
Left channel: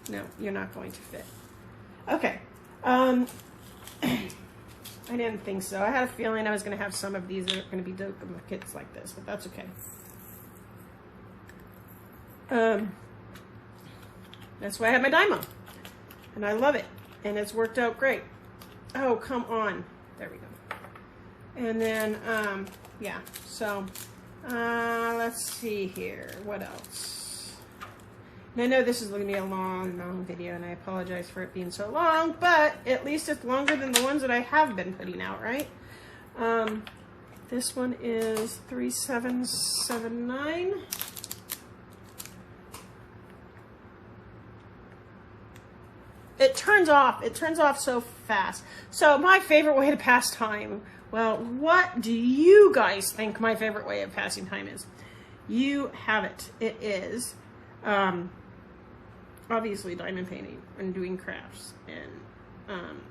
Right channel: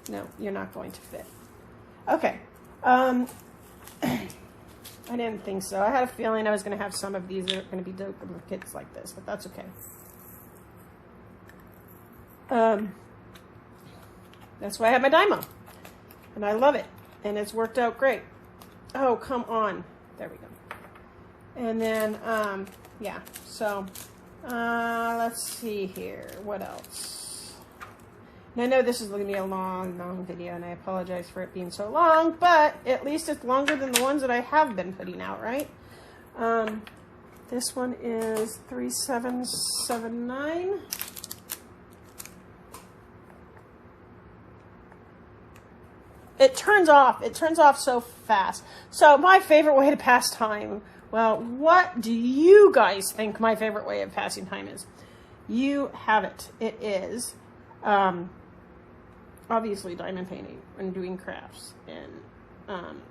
No, you're not going to fit. Okay. I didn't think so. I had a feeling I was gonna have some of these that are gonna be duplicates like this, but that's okay. That's why I have my Dymo, and I love it, and it's worked out great. Oh, come on. There we go. And then, yeah, so, let's see here. What else? And I know this is going to be a long video, and I apologize for it being so long, but at least it's longer than the ones that I have been putting out, right? This one is 3779. It turns off so fast. So my favorite way to pass time. Well, what do you guys think my favorite way of passing time is? You have it. It is obviously diamond painting and doing crafts. And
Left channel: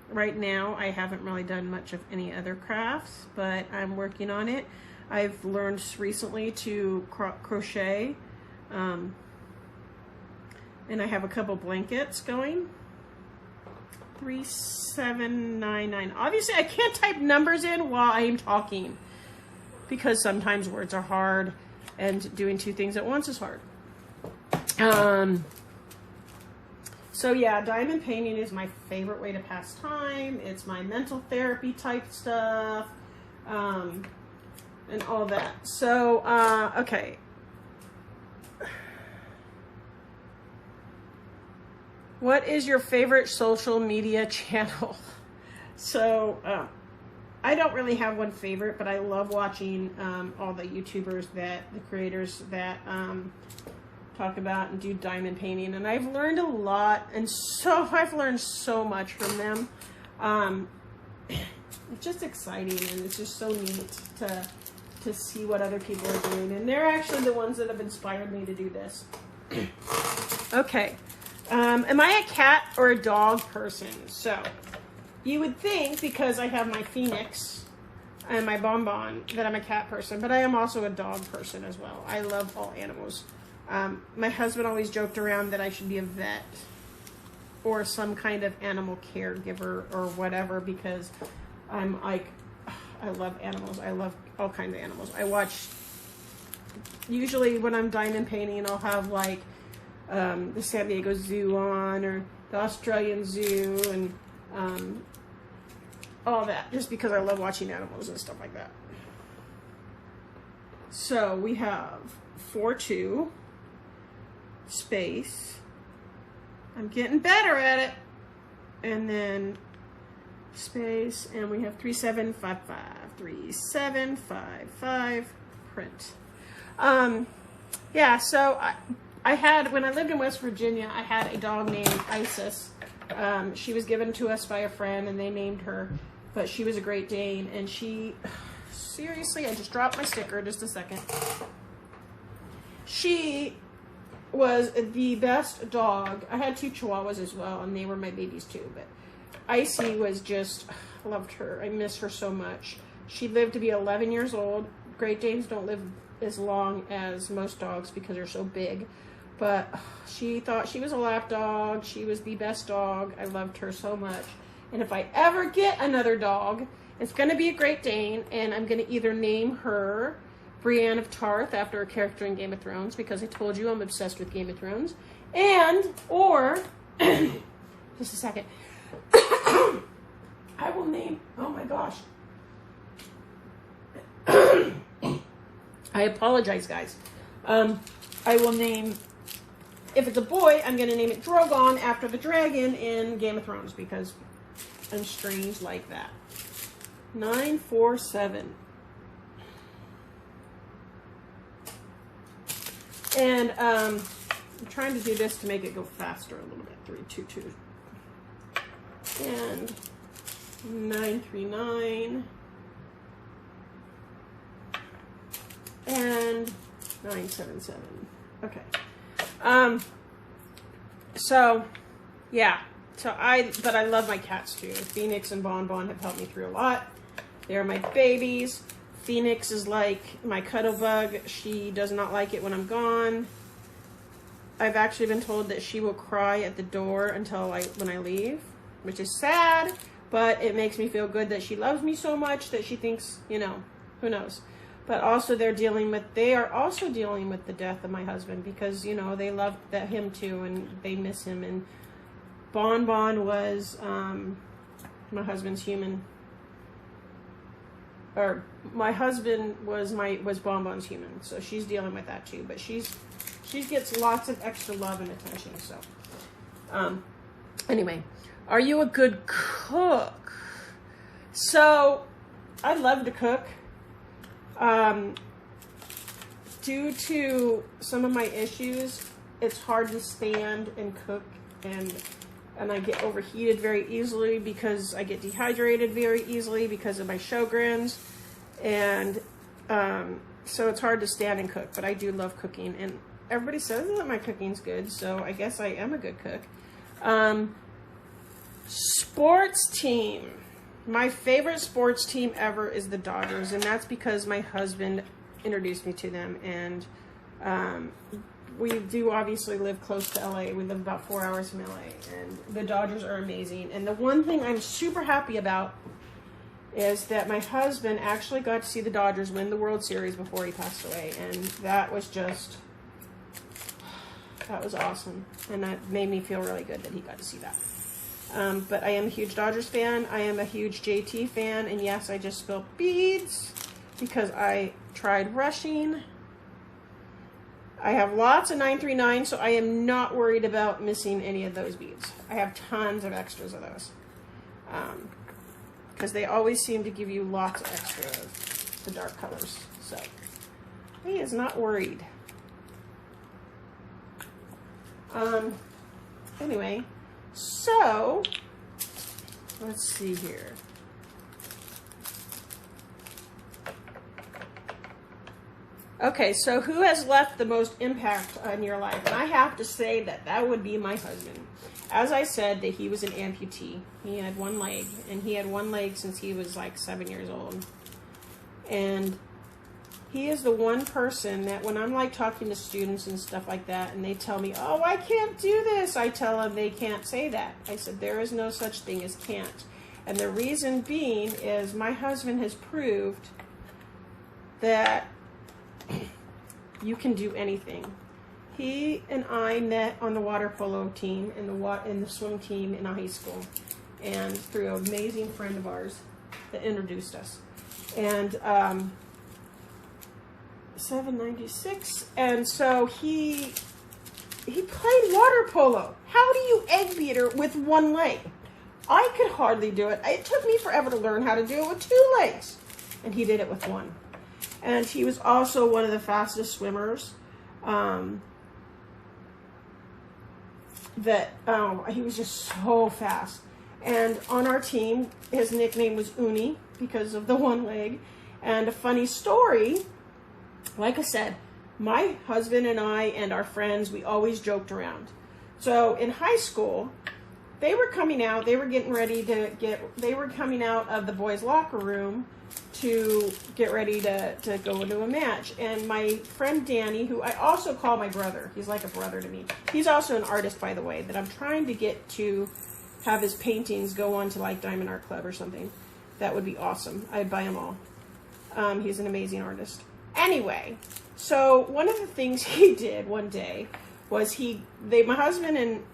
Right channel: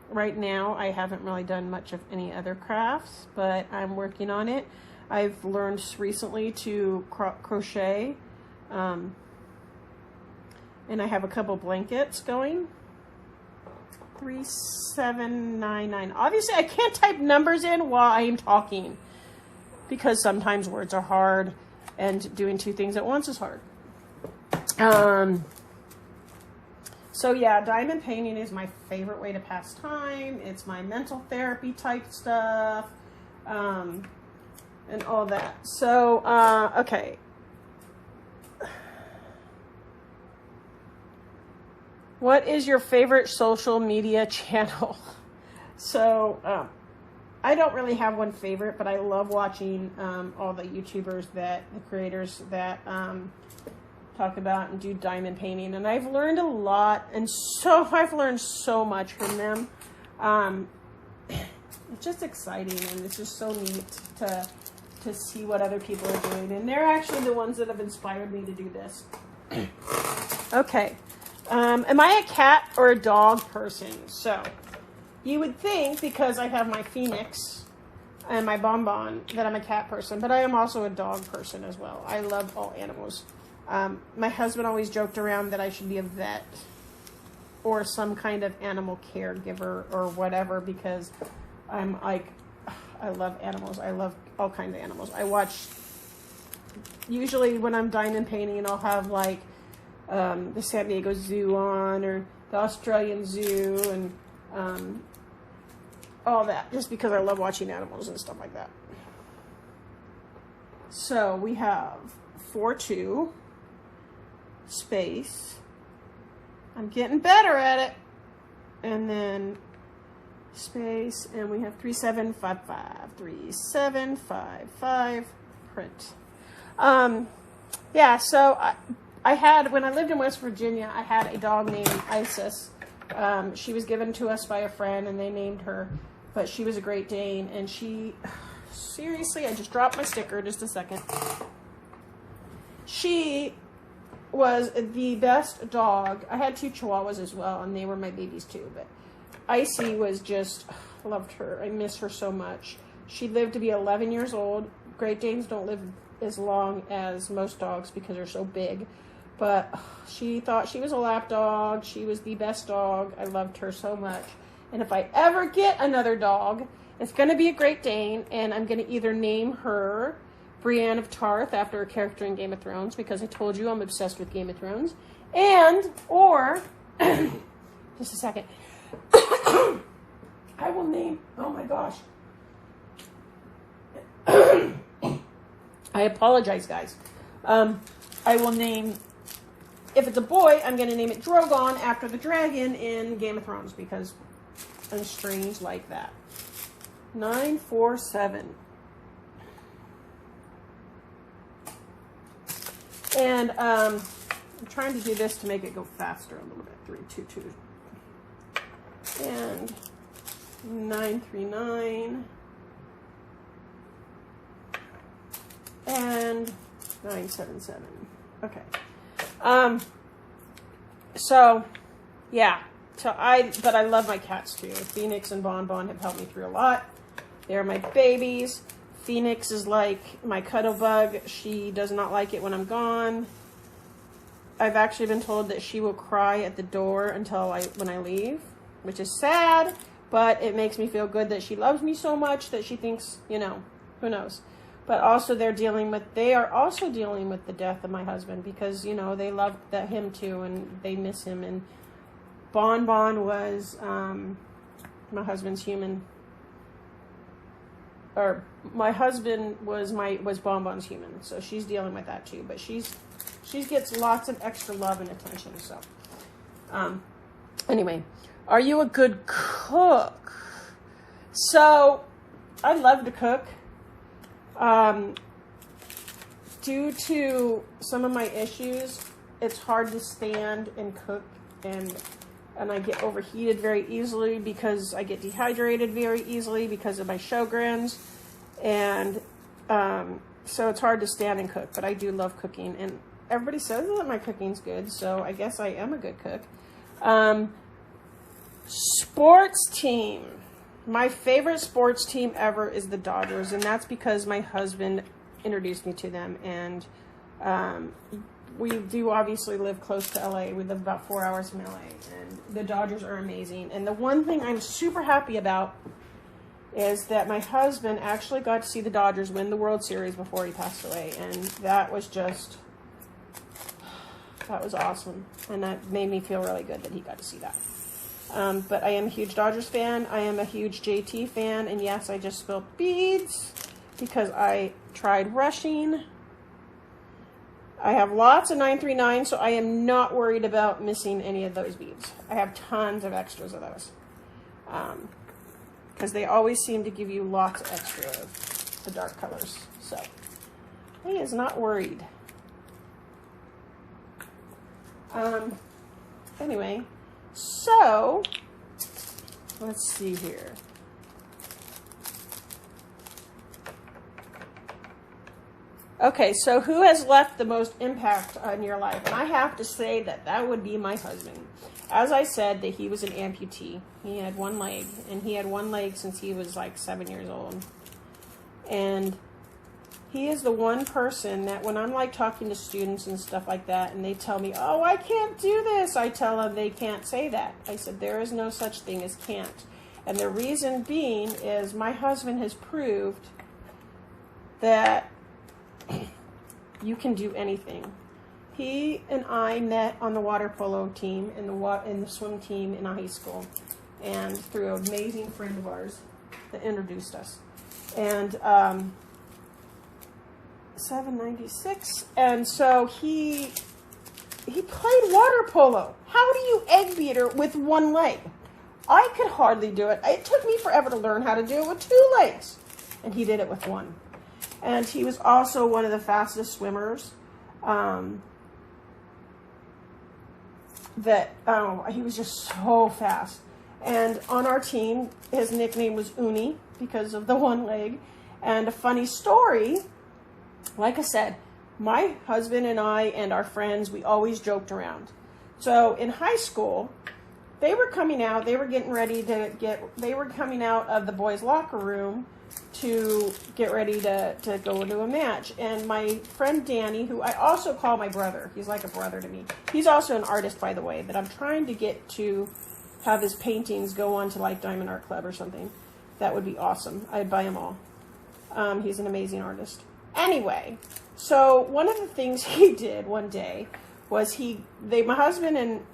right now I haven't really done much of any other crafts, but I'm working on it. I've learned recently to crochet, and I have a couple blankets going. 3799. Obviously, I can't type numbers in while I'm talking because sometimes words are hard and doing two things at once is hard. So yeah, diamond painting is my favorite way to pass time. It's my mental therapy type stuff, and all that. So, okay. What is your favorite social media channel? So, I don't really have one favorite, but I love watching all the YouTubers the creators that talk about and do diamond painting. And I've learned a lot, and I've learned so much from them. It's just exciting, and it's just so neat to see what other people are doing. And they're actually the ones that have inspired me to do this. Okay. Am I a cat or a dog person? So, you would think because I have my Phoenix and my Bonbon that I'm a cat person, but I am also a dog person as well. I love all animals. My husband always joked around that I should be a vet or some kind of animal caregiver or whatever, because I'm like, I love animals. I love all kinds of animals. I watch, usually when I'm diamond painting, I'll have like the San Diego Zoo on, or the Australian Zoo, and all that, just because I love watching animals and stuff like that. So we have 4-2 space. I'm getting better at it. And then space, and we have 3755. 3755 print. Yeah, so I had, when I lived in West Virginia, I had a dog named Isis. She was given to us by a friend, and they named her, but she was a Great Dane, and she, seriously, I just dropped my sticker, just a second. She was the best dog. I had 2 Chihuahuas as well, and they were my babies too, but Icy was just, I loved her. I miss her so much. She lived to be 11 years old. Great Danes don't live as long as most dogs because they're so big, but she thought she was a lap dog. She was the best dog. I loved her so much. And if I ever get another dog, it's going to be a Great Dane, and I'm going to either name her Brienne of Tarth after a character in Game of Thrones, because I told you I'm obsessed with Game of Thrones. And, or, just a second. I will name, oh my gosh. I apologize, guys. I will name, if it's a boy, I'm going to name it Drogon after the dragon in Game of Thrones, because I'm strange like that. 947. And I'm trying to do this to make it go faster a little bit. 322. And 939. And 977. Okay. So, yeah. But I love my cats too. Phoenix and Bon Bon have helped me through a lot. They're my babies. Phoenix is like my cuddle bug. She does not like it when I'm gone. I've actually been told that she will cry at the door until when I leave, which is sad, but it makes me feel good that she loves me so much that she thinks, you know, who knows. But also they are also dealing with the death of my husband, because, you know, they love him too and they miss him. And Bon Bon was my husband's human. Or my husband was Bon Bon's human, so she's dealing with that too. But she gets lots of extra love and attention. So, anyway, are you a good cook? So, I love to cook. Due to some of my issues, it's hard to stand and cook, and I get overheated very easily because I get dehydrated very easily because of my Sjogren's, and so it's hard to stand and cook, but I do love cooking, and everybody says that my cooking's good, so I guess I am a good cook. Sports team. My favorite sports team ever is the Dodgers, and that's because my husband introduced me to them, and we do obviously live close to LA. We live about 4 hours from LA, and the Dodgers are amazing. And the one thing I'm super happy about is that my husband actually got to see the Dodgers win the World Series before he passed away, and that was awesome, and that made me feel really good that he got to see that. But I am a huge Dodgers fan. I am a huge JT fan, and yes, I just spilled beads because I tried rushing. I have lots of 939, so I am not worried about missing any of those beads. I have tons of extras of those. Because they always seem to give you lots of extra of the dark colors. So, he is not worried. Anyway, so, let's see here. Okay, so who has left the most impact on your life? And I have to say that would be my husband. As I said, that he was an amputee. He had one leg, and he had one leg since he was like 7 years old. And he is the one person that when I'm like talking to students and stuff like that, and they tell me, oh, I can't do this, I tell them they can't say that. I said, there is no such thing as can't. And the reason being is my husband has proved that you can do anything. He and I met on the water polo team and the swim team in high school, and through an amazing friend of ours that introduced us. And 796, and so he played water polo. How do you egg beater with one leg? I could hardly do it. It took me forever to learn how to do it with 2 legs, and he did it with 1. And he was also one of the fastest swimmers. He was just so fast. And on our team, his nickname was Uni because of the 1 leg. And a funny story, like I said, my husband and I and our friends, we always joked around. So in high school, they were coming out, they were coming out of the boys' locker room to get ready to go into a match. And my friend Danny, who I also call my brother, he's like a brother to me. He's also an artist, by the way, that I'm trying to get to have his paintings go on to like Diamond Art Club or something. That would be awesome. I'd buy them all. He's an amazing artist. Anyway, so one of the things he did one day was my husband and,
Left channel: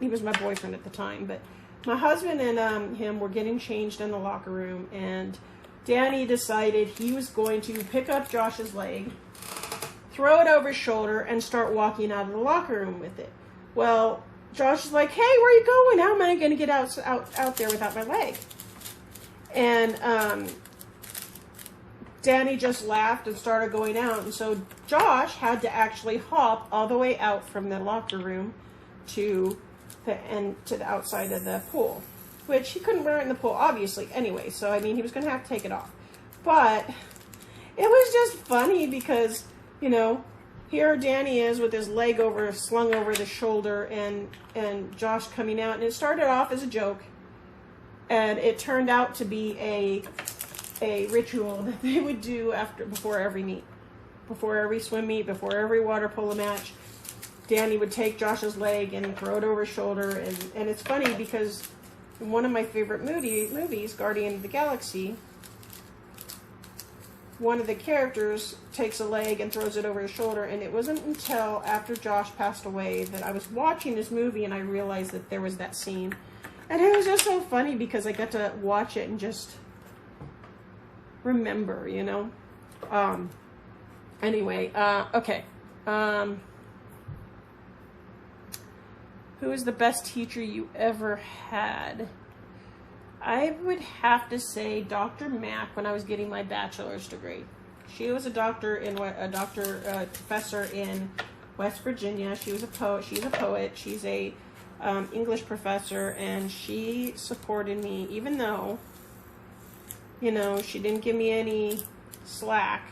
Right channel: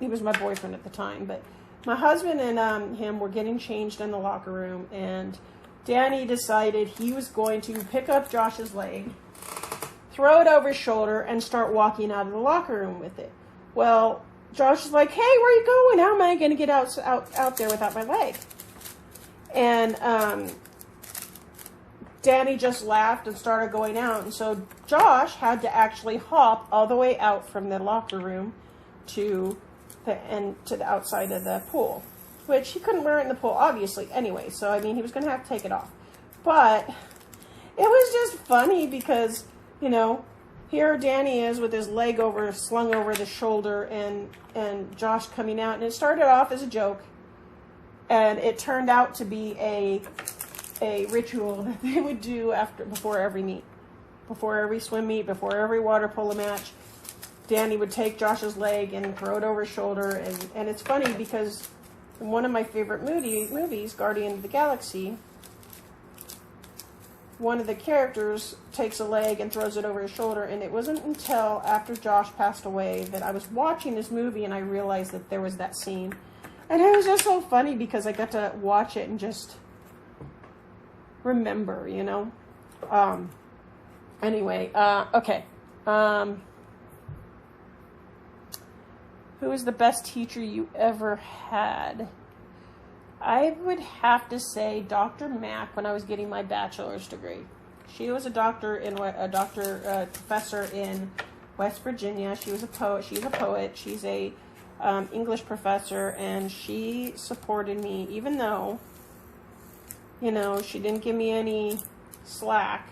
he was my boyfriend at the time, but my husband and him were getting changed in the locker room, and Danny decided he was going to pick up Josh's leg, throw it over his shoulder, and start walking out of the locker room with it. Well, Josh is like, hey, where are you going? How am I going to get out there without my leg? And Danny just laughed and started going out. And so Josh had to actually hop all the way out from the locker room to the outside of the pool, which he couldn't wear it in the pool, obviously, anyway. So, I mean, he was going to have to take it off. But it was just funny because, you know, here Danny is with his leg slung over the shoulder, and Josh coming out. And it started off as a joke, and it turned out to be a ritual that they would do before every meet, before every swim meet, before every water polo match. Danny would take Josh's leg and throw it over his shoulder, and it's funny because in one of my favorite movies, Guardian of the Galaxy, one of the characters takes a leg and throws it over his shoulder, and it wasn't until after Josh passed away that I was watching this movie and I realized that there was that scene. And it was just so funny because I got to watch it and just remember, you know. Anyway, okay. Who is the best teacher you ever had? I would have to say Dr. Mack when I was getting my bachelor's degree. She was a professor in West Virginia. She was a poet. She's a poet. She's a English professor, and she supported me, even though, you know, she didn't give me any slack.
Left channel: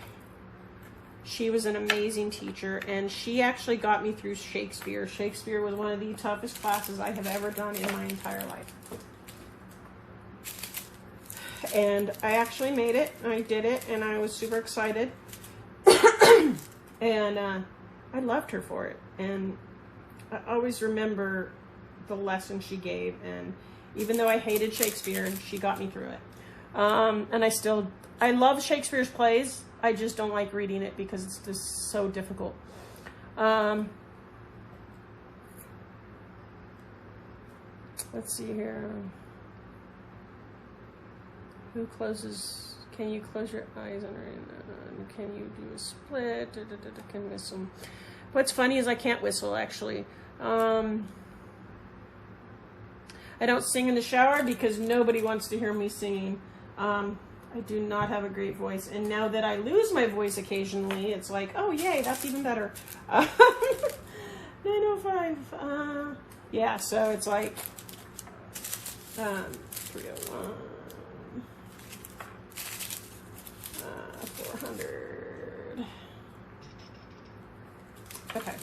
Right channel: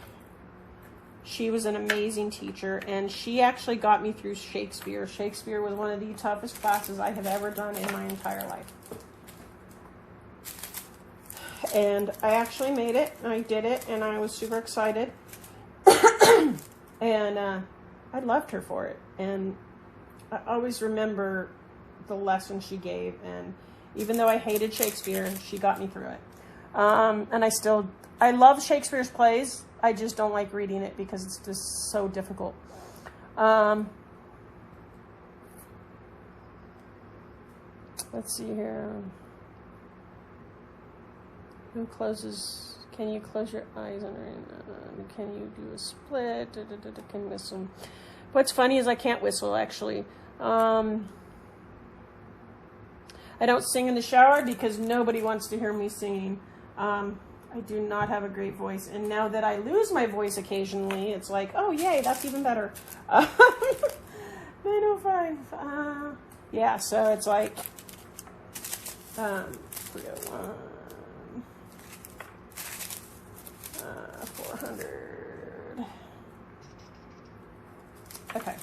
She was an amazing teacher, and she actually got me through Shakespeare. Shakespeare was one of the toughest classes I have ever done in my entire life. And I actually made it. I did it, and I was super excited. And I loved her for it. And I always remember the lesson she gave. And even though I hated Shakespeare, she got me through it. And I love Shakespeare's plays. I just don't like reading it because it's just so difficult. Let's see here. Who closes? Can you close your eyes and can you do a split? Can whistle. What's funny is I can't whistle, actually. I don't sing in the shower because nobody wants to hear me singing. I do not have a great voice, and now that I lose my voice occasionally, it's like, oh yay, that's even better. 905. Yeah, so it's like 301. 400. Okay.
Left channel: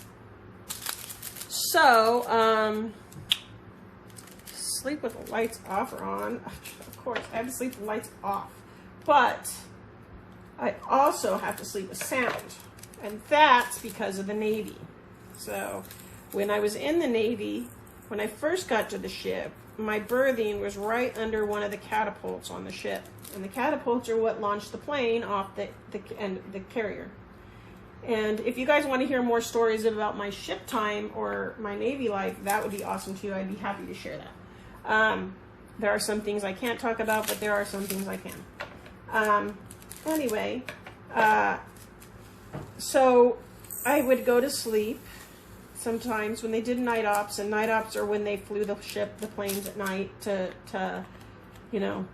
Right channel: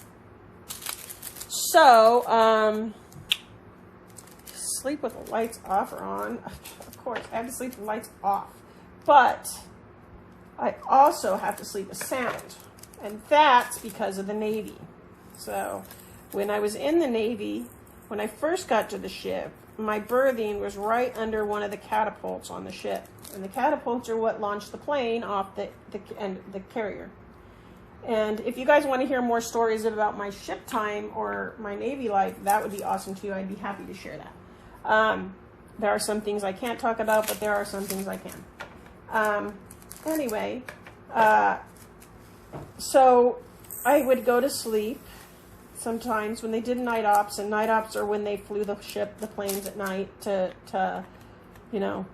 So, sleep with the lights off or on. Of course, I have to sleep with the lights off. But I also have to sleep with sound. And that's because of the Navy. So when I was in the Navy, when I first got to the ship, my berthing was right under one of the catapults on the ship. And the catapults are what launched the plane off the carrier. And if you guys want to hear more stories about my ship time or my Navy life, that would be awesome too. I'd be happy to share that. There are some things I can't talk about, but there are some things I can. Anyway, so I would go to sleep sometimes when they did night ops, and night ops are when they flew the planes at night to you know,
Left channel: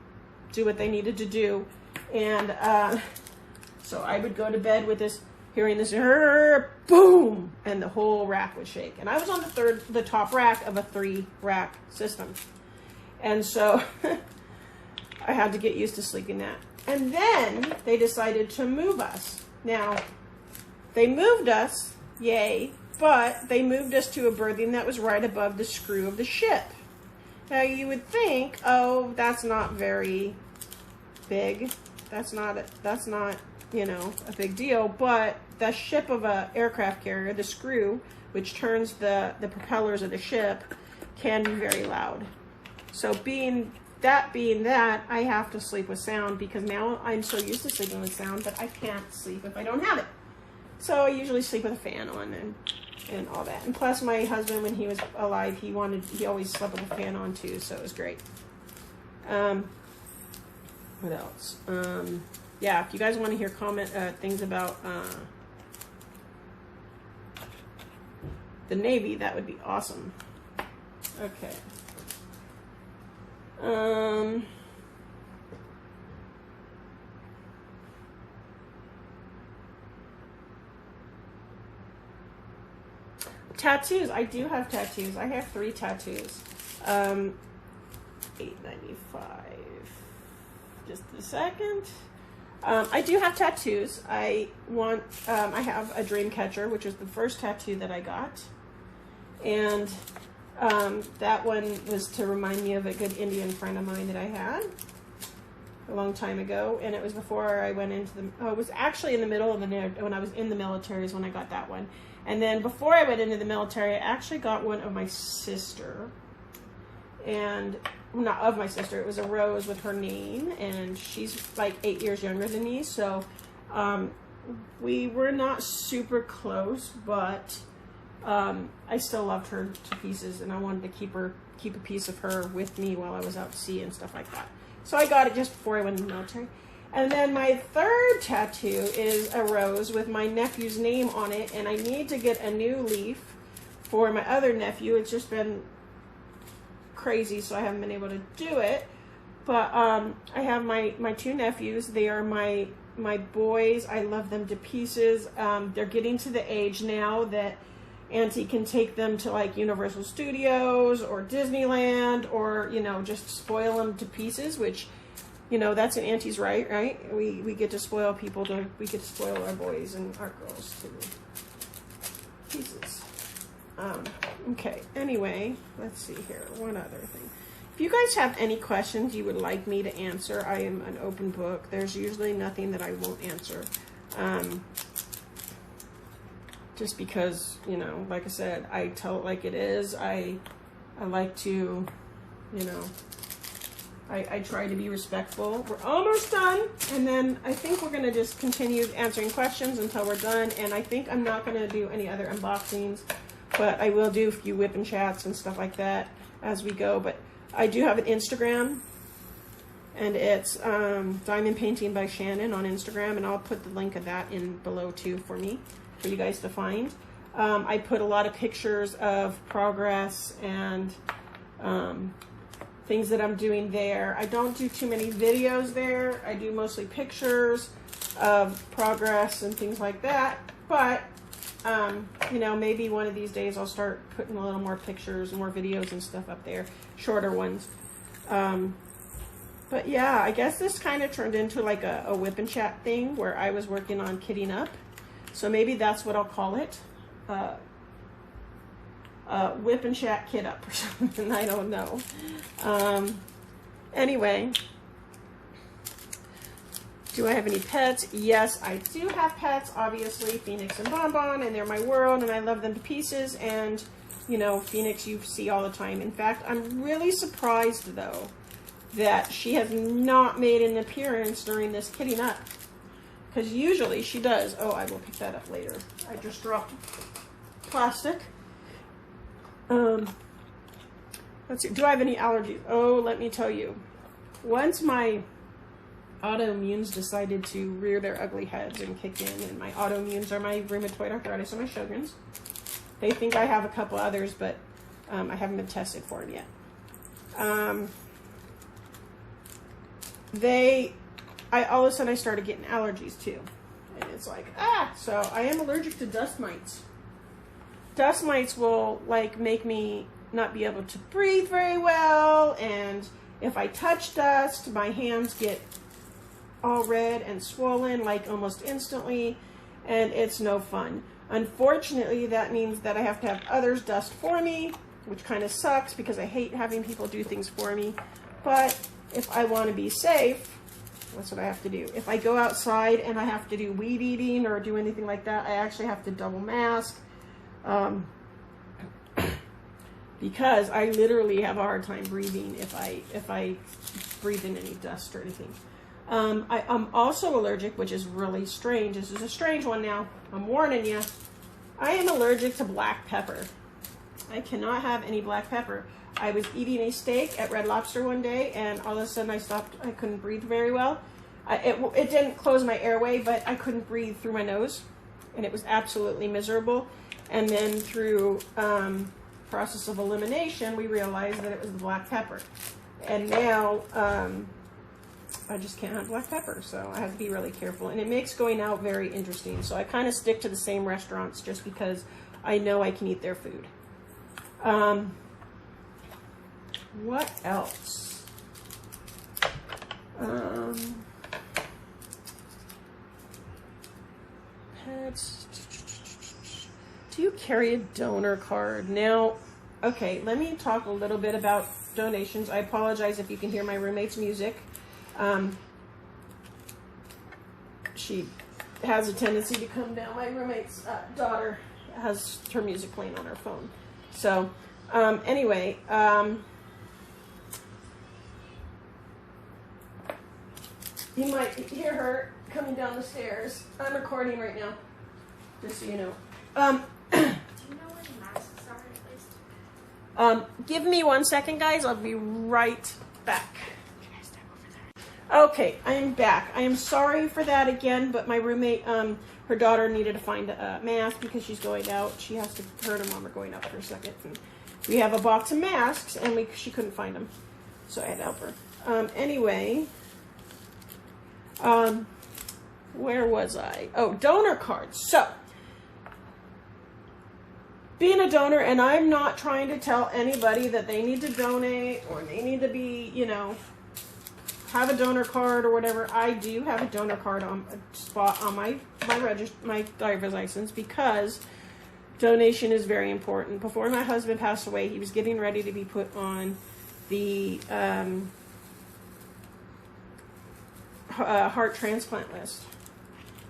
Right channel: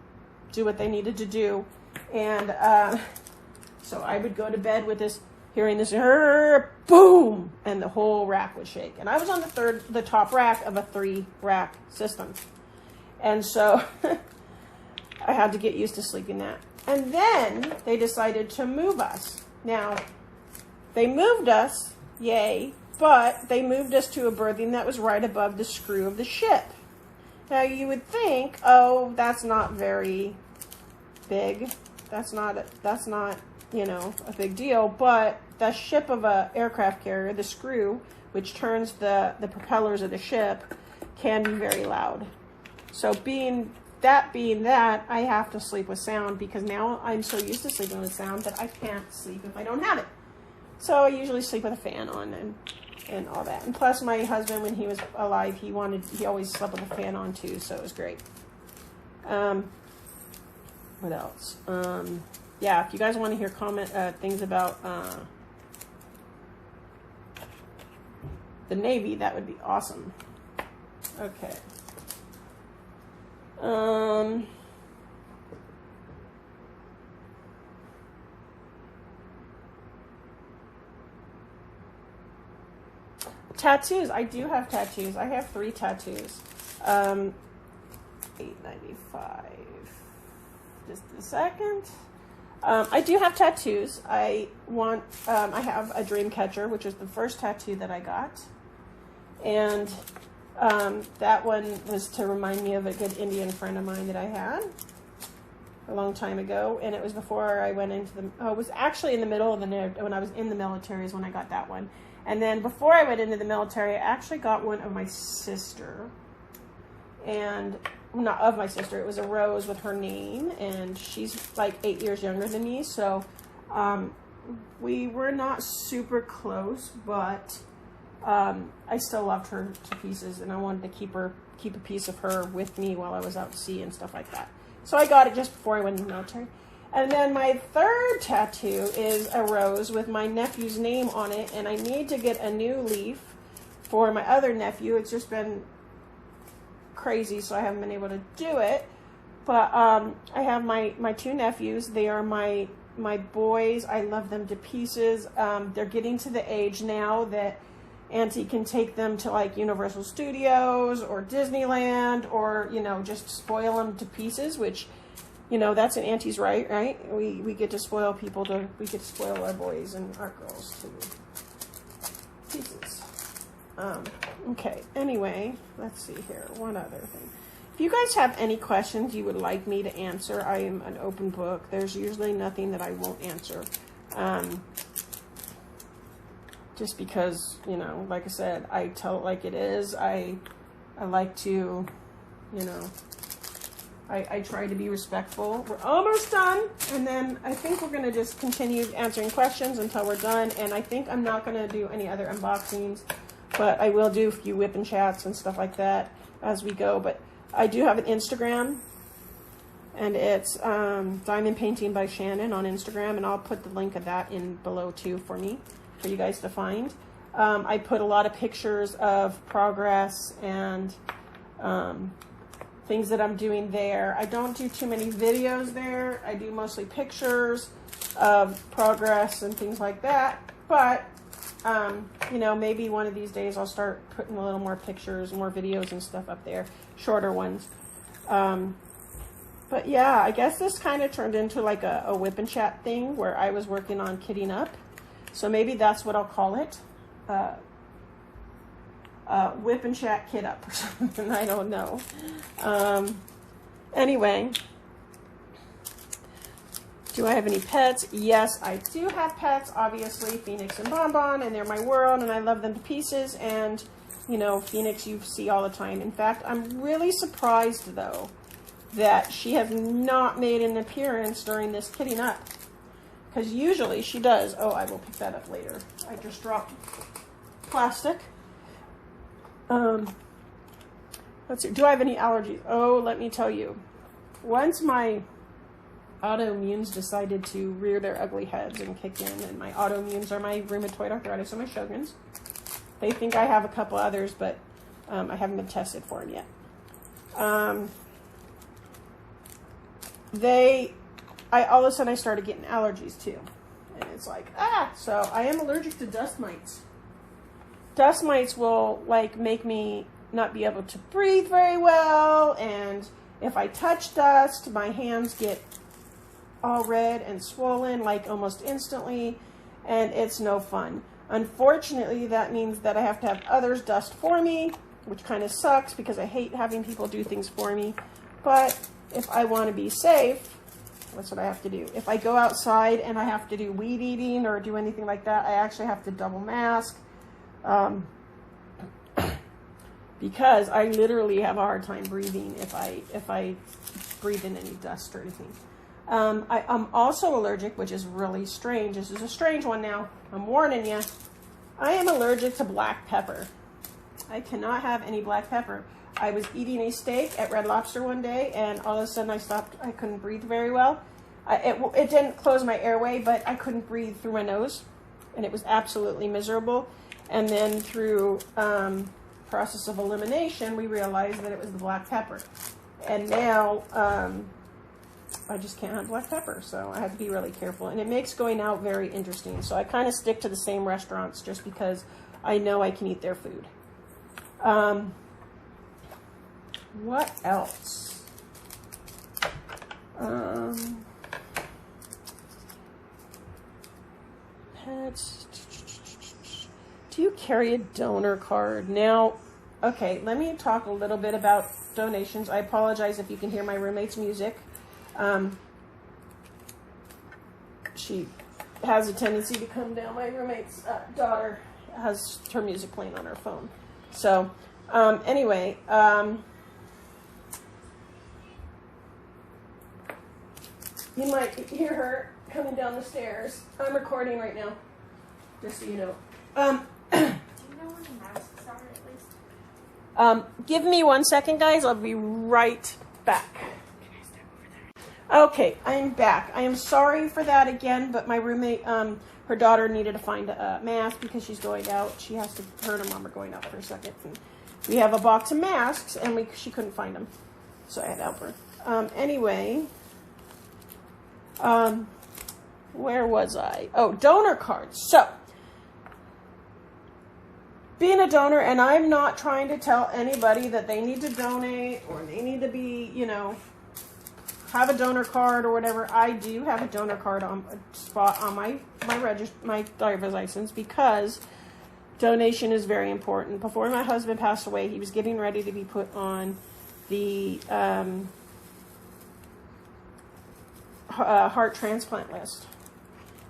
do what they needed to do. And so I would go to bed with this, hearing this boom, and the whole rack would shake. And I was on the top rack of a 3-rack system. And so I had to get used to sleeping that. And then they decided to move us. Now, they moved us, yay, but they moved us to a berthing that was right above the screw of the ship. Now, you would think, oh, that's not very big. That's not, you know, a big deal. But the ship of an aircraft carrier, the screw, which turns the propellers of the ship, can be very loud. So being that being that, I have to sleep with sound because now I'm so used to sleeping with sound that I can't sleep if I don't have it. So I usually sleep with a fan on and all that. And plus my husband, when he was alive, he always slept with a fan on too, so it was great. What else? Yeah, if you guys want to hear things about the Navy, that would be awesome. Okay. Tattoos. I do have tattoos. I have 3 tattoos. $8.95. Just a second. I do have tattoos. I have a dream catcher, which was the first tattoo that I got. And that one was to remind me of a good Indian friend of mine that I had a long time ago. And it was before I went into it was actually in the middle of when I was in the military is when I got that one. And then before I went into the military, I actually got one of my sister. And not of my sister, it was a rose with her name, and she's like 8 years younger than me, so we were not super close, but I still loved her to pieces, and I wanted to keep a piece of her with me while I was out at sea and stuff like that. So I got it just before I went in the military. And then my 3rd tattoo is a rose with my nephew's name on it, and I need to get a new leaf for my other nephew. It's just been crazy, so I haven't been able to do it. But I have my 2 nephews. They are my boys. I love them to pieces. They're getting to the age now that Auntie can take them to like Universal Studios or Disneyland, or just spoil them to pieces, which that's an Auntie's right? We get to spoil people we get to spoil our boys and our girls to pieces. Okay, anyway, let's see here. One other thing. If you guys have any questions you would like me to answer, I am an open book. There's usually nothing that I won't answer. Just because, like I said, I tell it like it is. I like to, I try to be respectful. We're almost done, and then I think we're going to just continue answering questions until we're done, and I think I'm not going to do any other unboxings. But I will do a few whip and chats and stuff like that as we go. But I do have an Instagram, and it's Diamond Painting by Shannon on Instagram, and I'll put the link of that in below too for you guys to find. I put a lot of pictures of progress and things that I'm doing there. I don't do too many videos there. I do mostly pictures of progress and things like that. But maybe one of these days I'll start putting a little more pictures, more videos and stuff up there, shorter ones. But yeah, I guess this kind of turned into like a whip and chat thing where I was working on kitting up. So maybe that's what I'll call it. Whip and chat kit up or something. I don't know. Anyway. Do I have any pets? Yes, I do have pets, obviously, Phoenix and Bonbon, and they're my world, and I love them to pieces, and, Phoenix you see all the time. In fact, I'm really surprised, though, that she has not made an appearance during this kitting up, because usually she does. Oh, I will pick that up later. I just dropped plastic. Let's see, do I have any allergies? Oh, let me tell you. Once my autoimmunes decided to rear their ugly heads and kick in, and my autoimmunes are my rheumatoid arthritis and my Sjogren's. They think I have a couple others, but I haven't been tested for them yet. All of a sudden I started getting allergies too, and it's like, so I am allergic to dust mites. Dust mites will like make me not be able to breathe very well, and if I touch dust, my hands get all red and swollen like almost instantly, and it's no fun. Unfortunately, that means that I have to have others dust for me, which kind of sucks because I hate having people do things for me. But if I want to be safe, that's what I have to do. If I go outside and I have to do weed eating or do anything like that, I actually have to double mask. because I literally have a hard time breathing if I breathe in any dust or anything. I'm also allergic, which is really strange. This is a strange one now. I'm warning you. I am allergic to black pepper. I cannot have any black pepper. I was eating a steak at Red Lobster one day, and all of a sudden I stopped. I couldn't breathe very well. It didn't close my airway, but I couldn't breathe through my nose, and it was absolutely miserable. And then through process of elimination, we realized that it was the black pepper. And now I just can't have black pepper, so I have to be really careful. And it makes going out very interesting. So I kind of stick to the same restaurants just because I know I can eat their food. What else? Pets. Do you carry a donor card? Now, okay, let me talk a little bit about donations. I apologize if you can hear my roommate's music. She has a tendency to come down. My roommate's daughter has her music playing on her phone. So, anyway, you might hear her coming down the stairs. I'm recording right now, just so you know. Do you know where the masks are at least? Give me 1 second, guys. I'll be right back. Okay, I'm back. I am sorry for that again, but my roommate, her daughter needed to find a mask because she's going out. She has to, her and her mom are going out for a second. And we have a box of masks, and she couldn't find them, so I had to help her. Anyway, where was I? Oh, donor cards. So, being a donor, and I'm not trying to tell anybody that they need to donate or they need to be, you know, have a donor card or whatever. I do have a donor card on a spot on my driver's license because donation is very important. Before my husband passed away, he was getting ready to be put on the heart transplant list.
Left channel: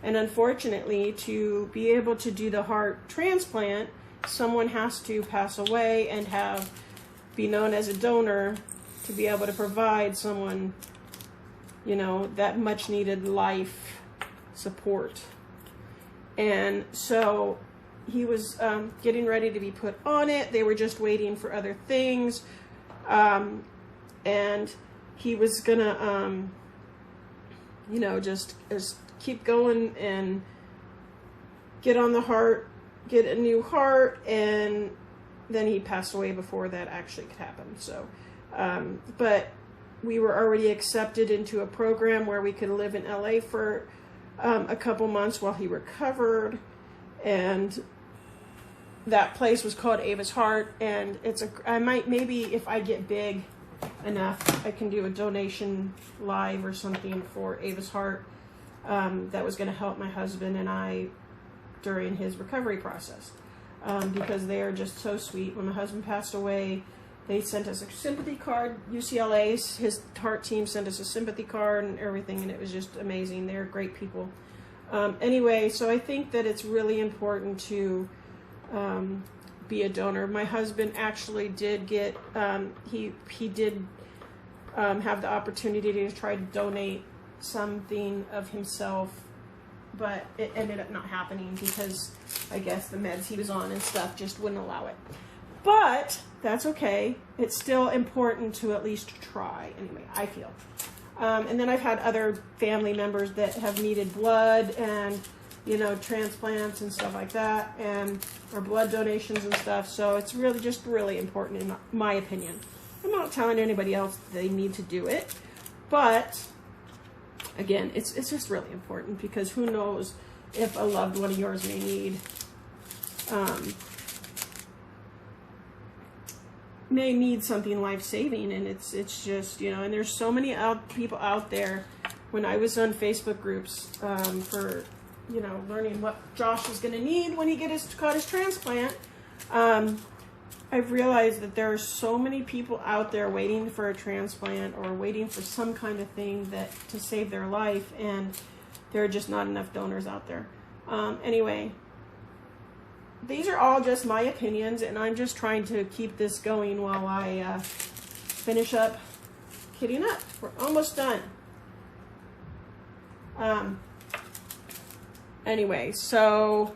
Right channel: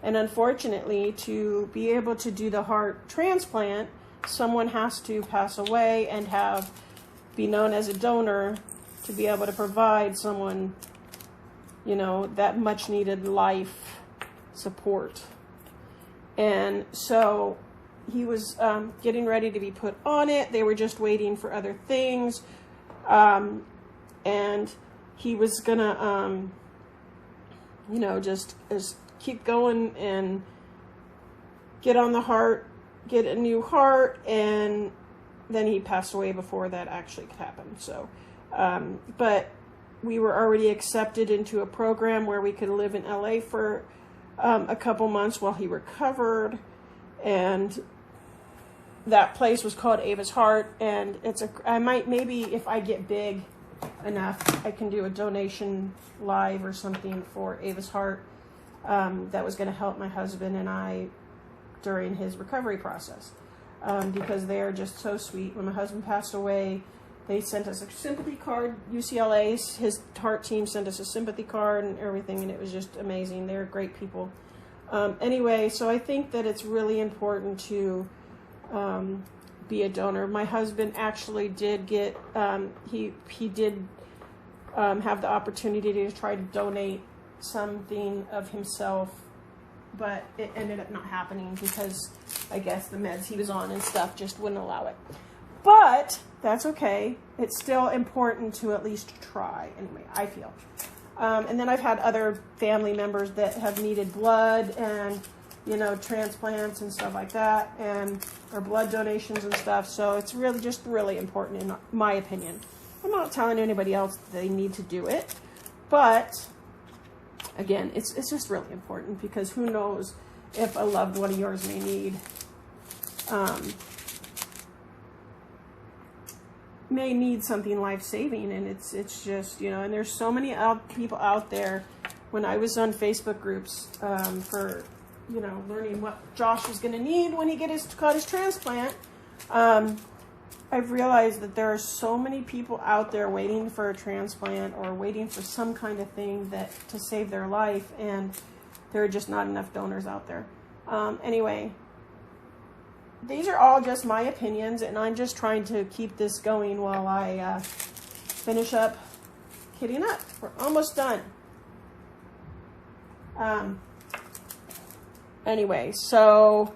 And unfortunately, to be able to do the heart transplant, someone has to pass away and be known as a donor to be able to provide someone, you know, that much needed life support. And so he was getting ready to be put on it. They were just waiting for other things. And he was gonna, you know, just keep going and get on the heart, get a new heart, and then he passed away before that actually could happen. So, but we were already accepted into a program where we could live in LA for a couple months while he recovered, and that place was called Ava's Heart. And I might, maybe if I get big enough, I can do a donation live or something for Ava's Heart. That was going to help my husband and I during his recovery process, because they are just so sweet. When my husband passed away, they sent us a sympathy card. UCLA's, his heart team sent us a sympathy card and everything, and it was just amazing. They're great people. Anyway, so I think that it's really important to be a donor. My husband actually did get, he did have the opportunity to try to donate something of himself, but it ended up not happening because I guess the meds he was on and stuff just wouldn't allow it. But that's okay. It's still important to at least try. Anyway, I feel. And then I've had other family members that have needed blood and, you know, transplants and stuff like that, or blood donations and stuff. So it's really just really important in my opinion. I'm not telling anybody else that they need to do it, but again, it's just really important because who knows if a loved one of yours may need something life-saving, and it's just, you know, and there's so many people out there. When I was on Facebook groups for, you know, learning what Josh was going to need when he got his transplant, I've realized that there are so many people out there waiting for a transplant or waiting for some kind of thing to save their life, and there are just not enough donors out there. Anyway, these are all just my opinions, and I'm just trying to keep this going while I finish up kitting up. We're almost done. Anyway, so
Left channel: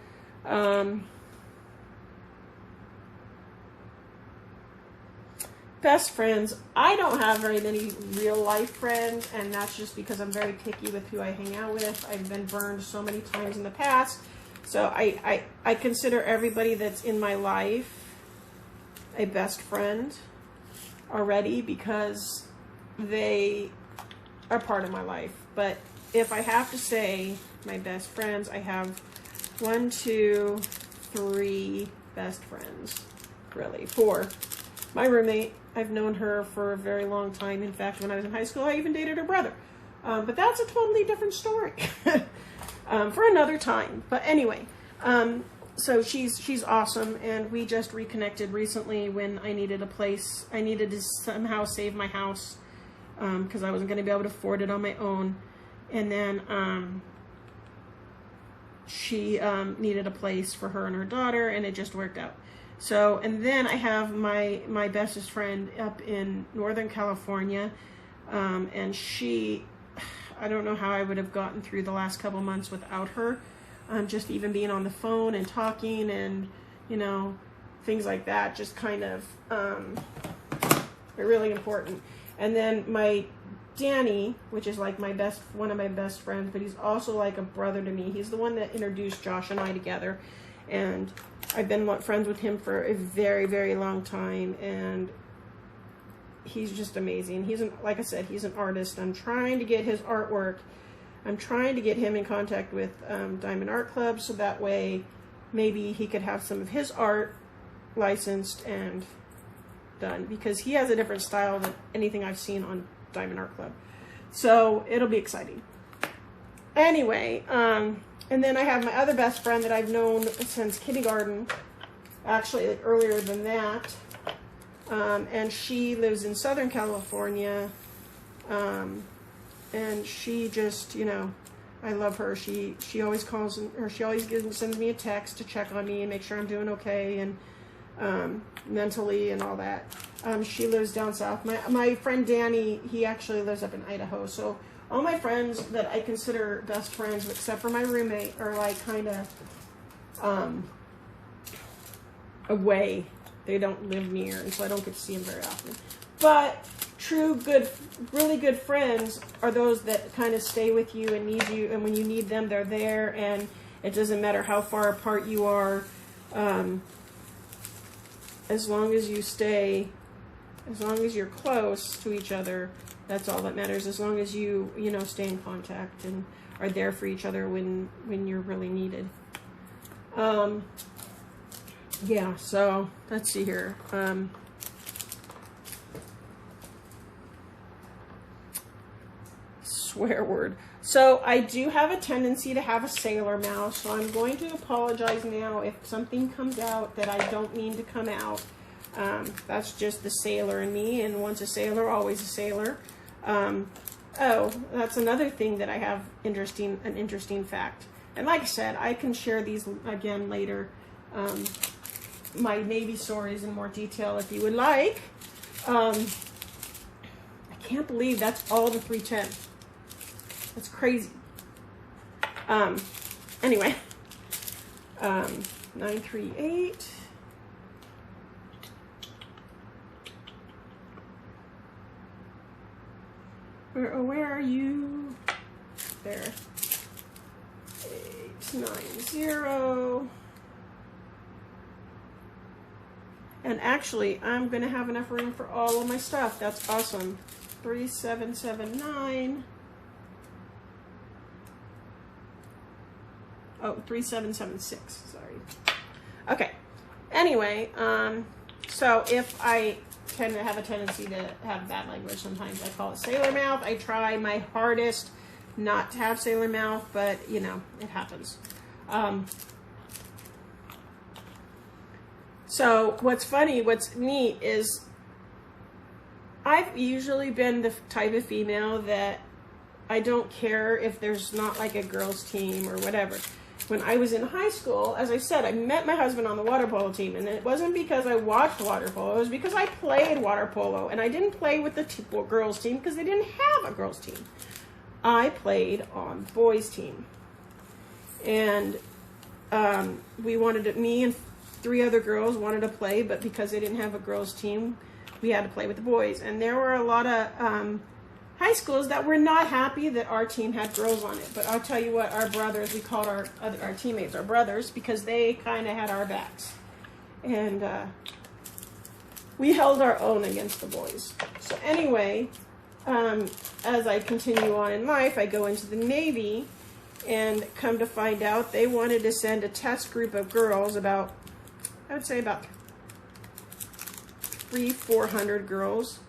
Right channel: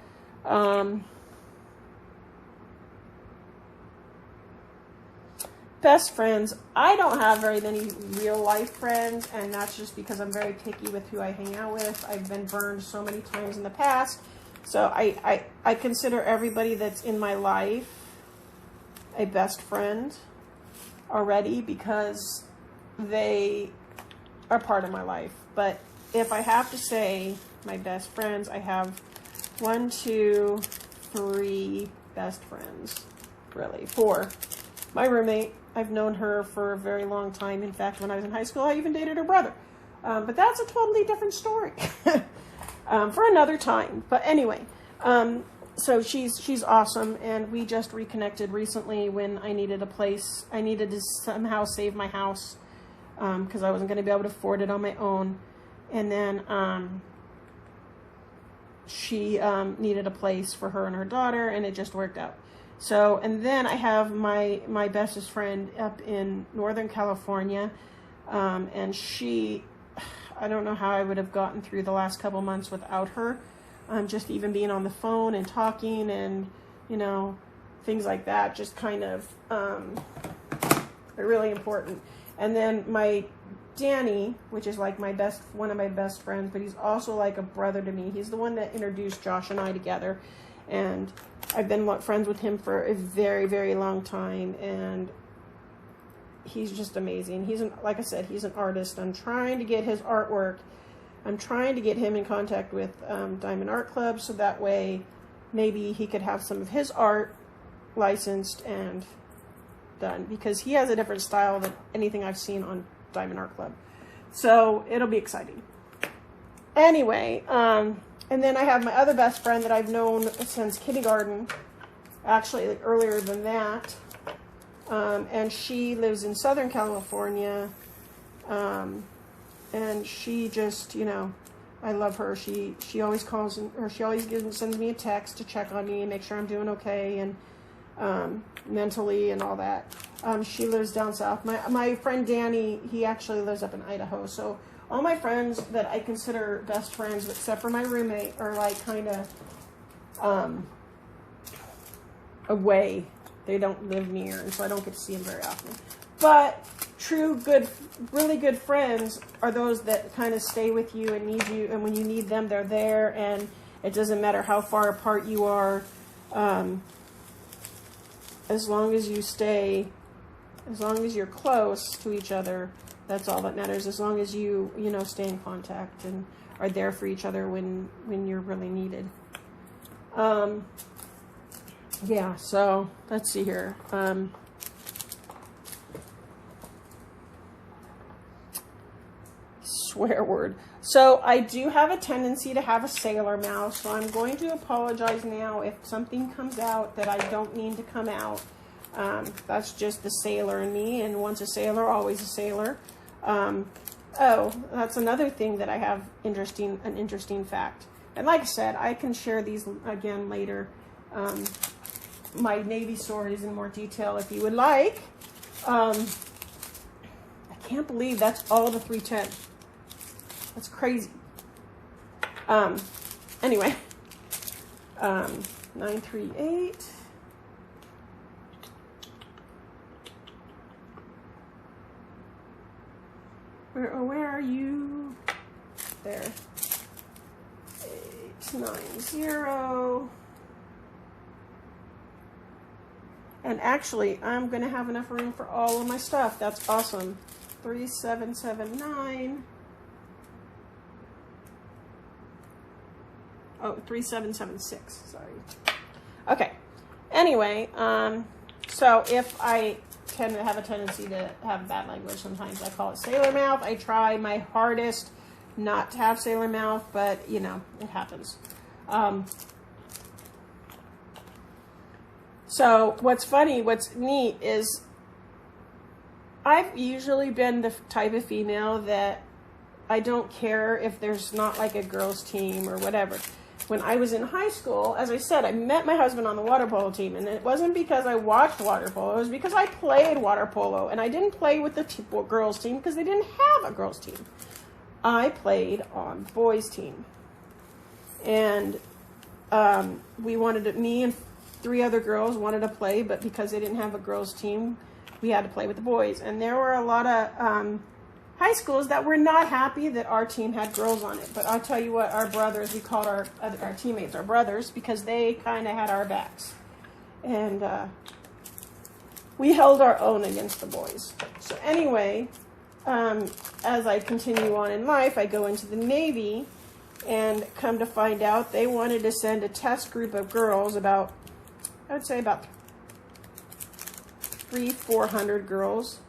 best friends. I don't have very many real life friends, and that's just because I'm very picky with who I hang out with. I've been burned so many times in the past. So I consider everybody that's in my life a best friend already because they are part of my life. But if I have to say my best friends, I have 1, 2, 3 best friends, really. 4. My roommate, I've known her for a very long time. In fact, when I was in high school, I even dated her brother. But that's a totally different story for another time. But anyway, so she's awesome, and we just reconnected recently when I needed a place. I needed to somehow save my house because I wasn't going to be able to afford it on my own. And then she needed a place for her and her daughter, and it just worked out. So, and then I have my bestest friend up in Northern California, and she, I don't know how I would have gotten through the last couple months without her. Just even being on the phone and talking and, you know, things like that, just kind of are really important. And then my Danny, which is like one of my best friends, but he's also like a brother to me. He's the one that introduced Josh and I together, and I've been friends with him for a very, very long time, and he's just amazing. Like I said, he's an artist. I'm trying to get his artwork. I'm trying to get him in contact with Diamond Art Club, so that way maybe he could have some of his art licensed and done, because he has a different style than anything I've seen on Diamond Art Club. So it'll be exciting. Anyway, and then I have my other best friend that I've known since kindergarten, actually earlier than that. And she lives in Southern California. And she just, you know, I love her. She always calls, or she always sends me a text to check on me and make sure I'm doing okay, and mentally and all that. She lives down south. My friend Danny, he actually lives up in Idaho. So all my friends that I consider best friends, except for my roommate, are like kind of away. They don't live near, and so I don't get to see them very often. But true, good, really good friends are those that kind of stay with you and need you, and when you need them, they're there, and it doesn't matter how far apart you are. As long as you stay, as long as you're close to each other, that's all that matters. As long as you know, stay in contact and are there for each other when you're really needed. Yeah, so let's see here. Swear word. So I do have a tendency to have a sailor mouth, so I'm going to apologize now if something comes out that I don't mean to come out. That's just the sailor in me, and once a sailor, always a sailor. Oh, that's another thing that I have an interesting fact. And like I said, I can share these again later, my Navy stories in more detail if you would like. I can't believe that's all the 310. That's crazy. Anyway, 938. Where are you? There. 890. And actually, I'm going to have enough room for all of my stuff. That's awesome. 3779. Oh, 3776. Sorry. Okay. Anyway, so if I tend to have a tendency to have bad language sometimes, I call it sailor mouth. I try my hardest not to have sailor mouth, but you know, it happens. So what's funny, what's neat is I've usually been the type of female that I don't care if there's not like a girls team or whatever. when I was in high school, as I said, I met my husband on the water polo team, and it wasn't because I watched water polo. It was because I played water polo, and I didn't play with the girls team because they didn't have a girls team. I played on the boys team, and we wanted to, me and 3 other girls wanted to play, but because they didn't have a girls team, we had to play with the boys. And there were a lot of high schools that were not happy that our team had girls on it. But I'll tell you what, our brothers, we called our teammates our brothers because they kind of had our backs. And we held our own against the boys. So anyway, as I continue on in life, I go into the Navy, and come to find out they wanted to send a test group of girls, about, I would say about 300-400 girls,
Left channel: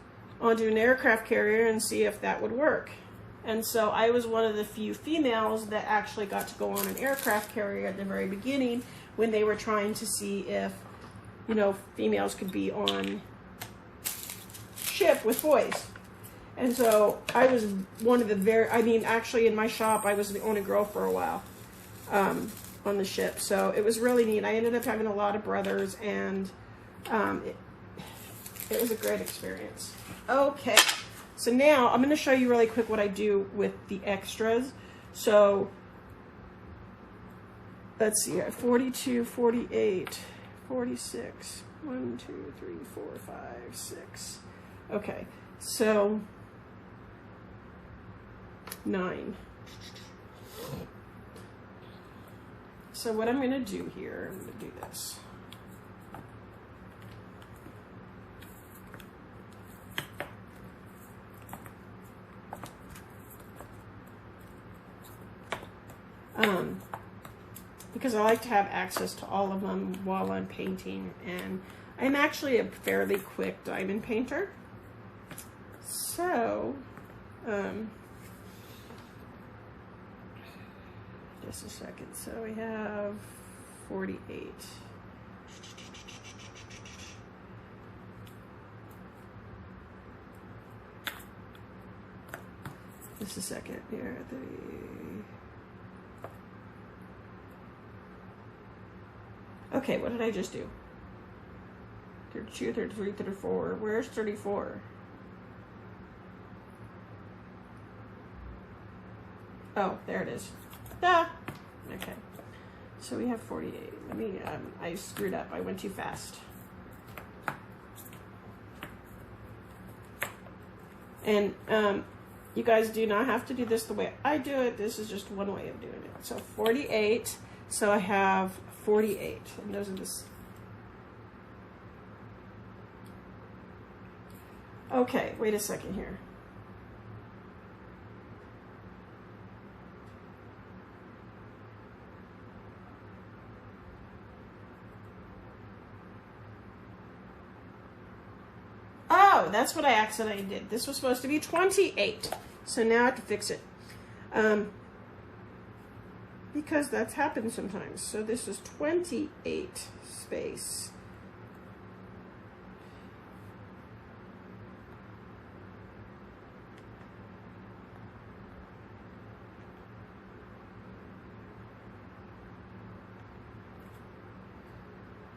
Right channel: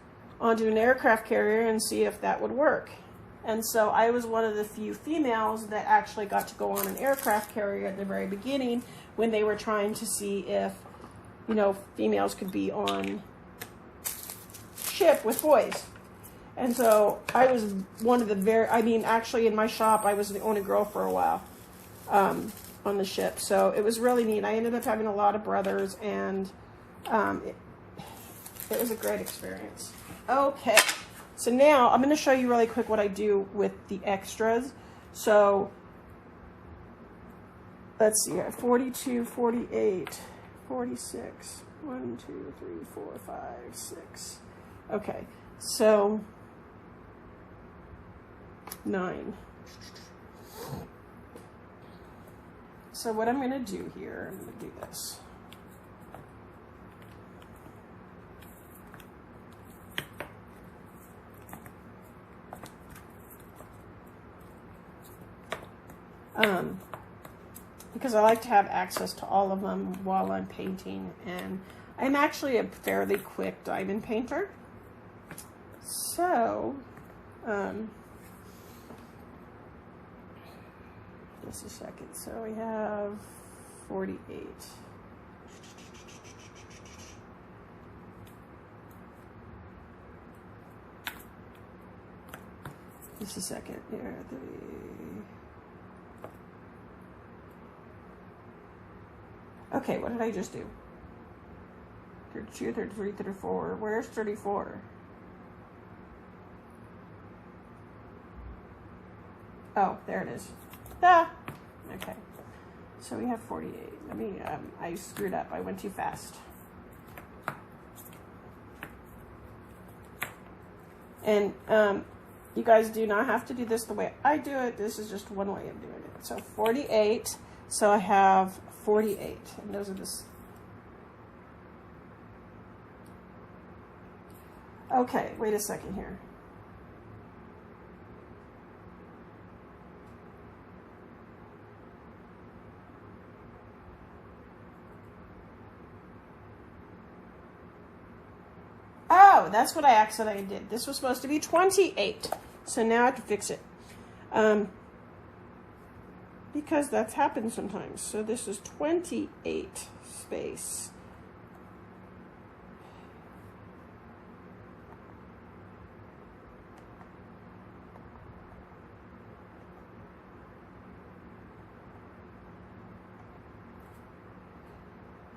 onto an aircraft carrier and see if that would work. And so I was one of the few females that actually got to go on an aircraft carrier at the very beginning when they were trying to see if, you know, females could be on ship with boys. And so I was one of the actually in my shop, I was the only girl for a while on the ship. So it was really neat. I ended up having a lot of brothers, and it was a great experience. Okay, so now I'm going to show you really quick what I do with the extras. So let's see, 42, 48, 46, 1, 2, 3, 4, 5, 6. Okay, so 9. So what I'm going to do here, I'm going to do this. Because I like to have access to all of them while I'm painting, and I'm actually a fairly quick diamond painter. So, just a second. So we have 48. Just a second here. Okay, what did I just do? 32, 33, 34. Where's 34? Oh, there it is. Ah! Okay. So we have 48. Let me, I screwed up. I went too fast. And, you guys do not have to do this the way I do it. This is just one way of doing it. So 48. So I have 48. And those are the... Okay, wait a second here. Oh, that's what I accidentally did. This was supposed to be 28. So now I have to fix it. Because that's happened sometimes. So this is 28 space.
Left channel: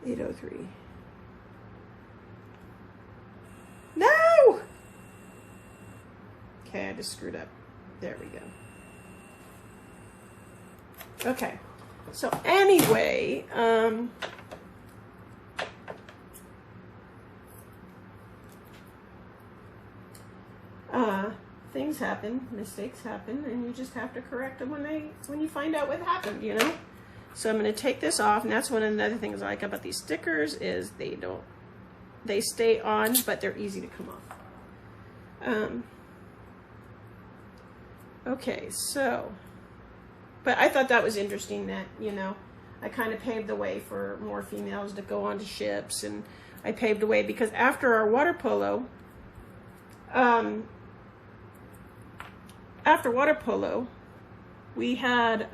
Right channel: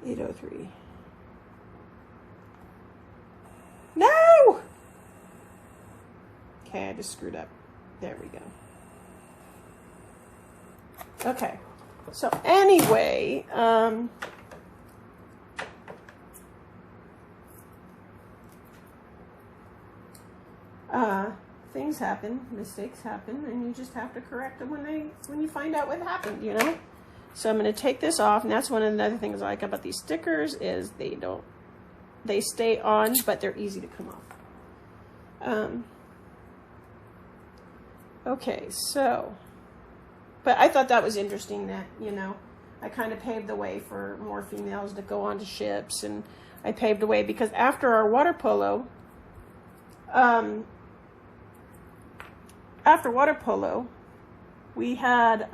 $803. No! Okay, I just screwed up. There we go. Okay, so anyway, things happen, mistakes happen, and you just have to correct them when you find out what happened, you know? So I'm going to take this off, and that's one of the other things I like about these stickers is they stay on, but they're easy to come off. Okay, so, but I thought that was interesting that, you know, I kind of paved the way for more females to go onto ships, and I paved the way because after our water polo, we had,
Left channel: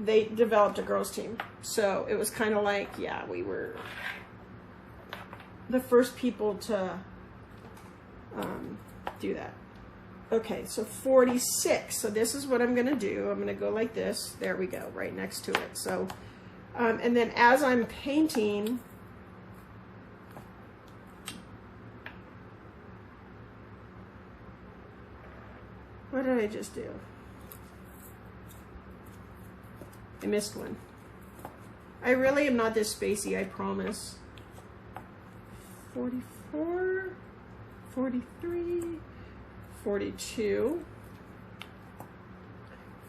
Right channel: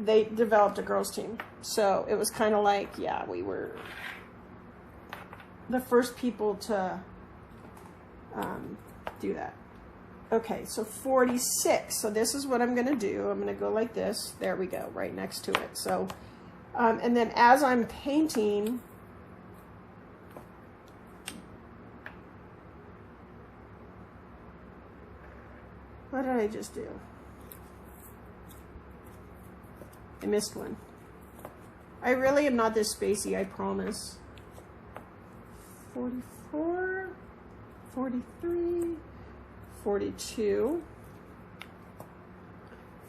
they developed a girls team. So it was kind of like, yeah, we were the first people to do that. Okay, so 46. So this is what I'm gonna do. I'm gonna go like this. There we go, right next to it. So, and then as I'm painting, what did I just do? I missed one. I really am not this spacey, I promise. 44, 43, 42,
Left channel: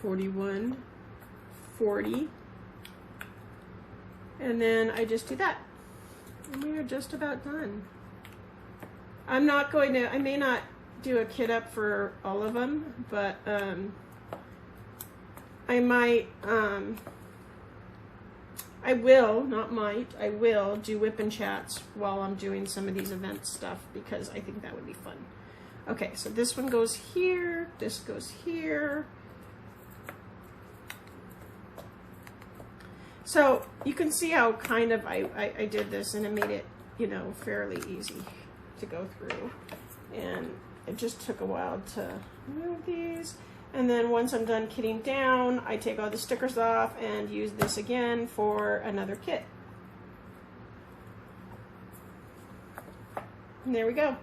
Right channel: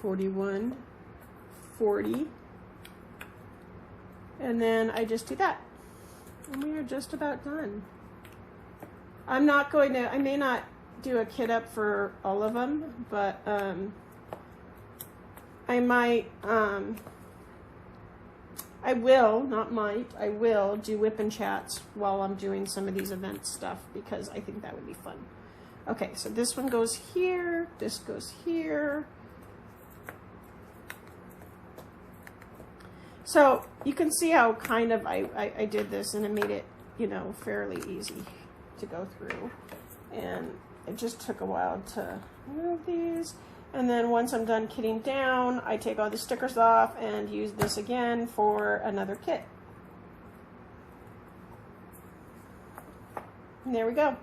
41, 40, and then I just do that. And we are just about done. I'm not going to, I may not do a kit up for all of them, but I might, I will, not might, I will do whip and chats while I'm doing some of these event stuff because I think that would be fun. Okay, so this one goes here, this goes here. So you can see how kind of I did this and it made it, you know, fairly easy to go through. And it just took a while to move these. And then once I'm done kitting down, I take all the stickers off and use this again for another kit. And there we go.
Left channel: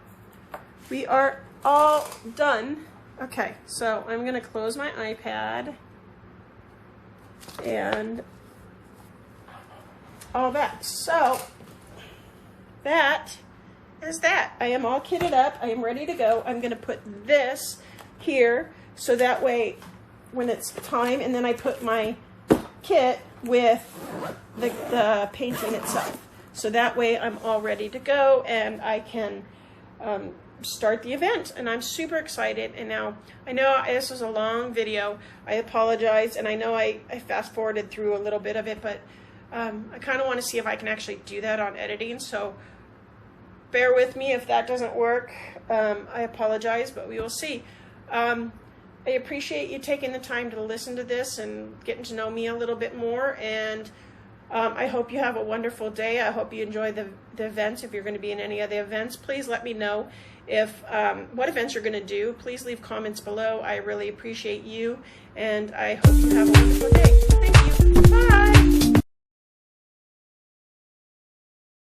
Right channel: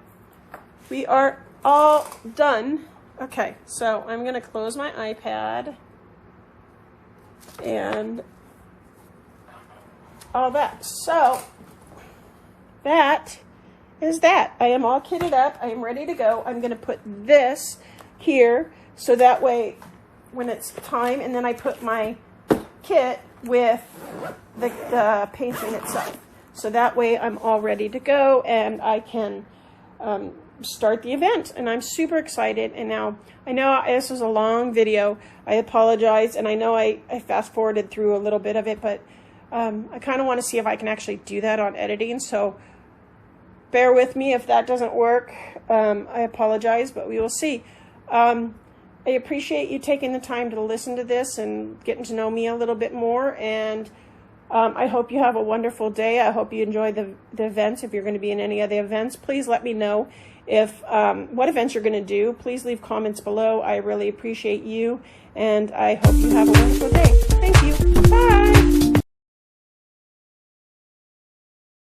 We are all done. Okay, so I'm gonna close my iPad and all that. So that is that. I am all kitted up. I am ready to go. I'm gonna put this here so that way when it's time, and then I put my kit with the painting itself. So that way I'm all ready to go and I can start the event, and I'm super excited. And now I know this was a long video. I apologize, and I know I fast forwarded through a little bit of it, but I kind of want to see if I can actually do that on editing, so bear with me if that doesn't work. I apologize, but we will see. I appreciate you taking the time to listen to this and getting to know me a little bit more, and I hope you have a wonderful day. I hope you enjoy the events. If you're going to be in any of the events, please let me know if what events you're going to do. Please leave comments below. I really appreciate you, and I hope you have a wonderful day. Thank you. Bye.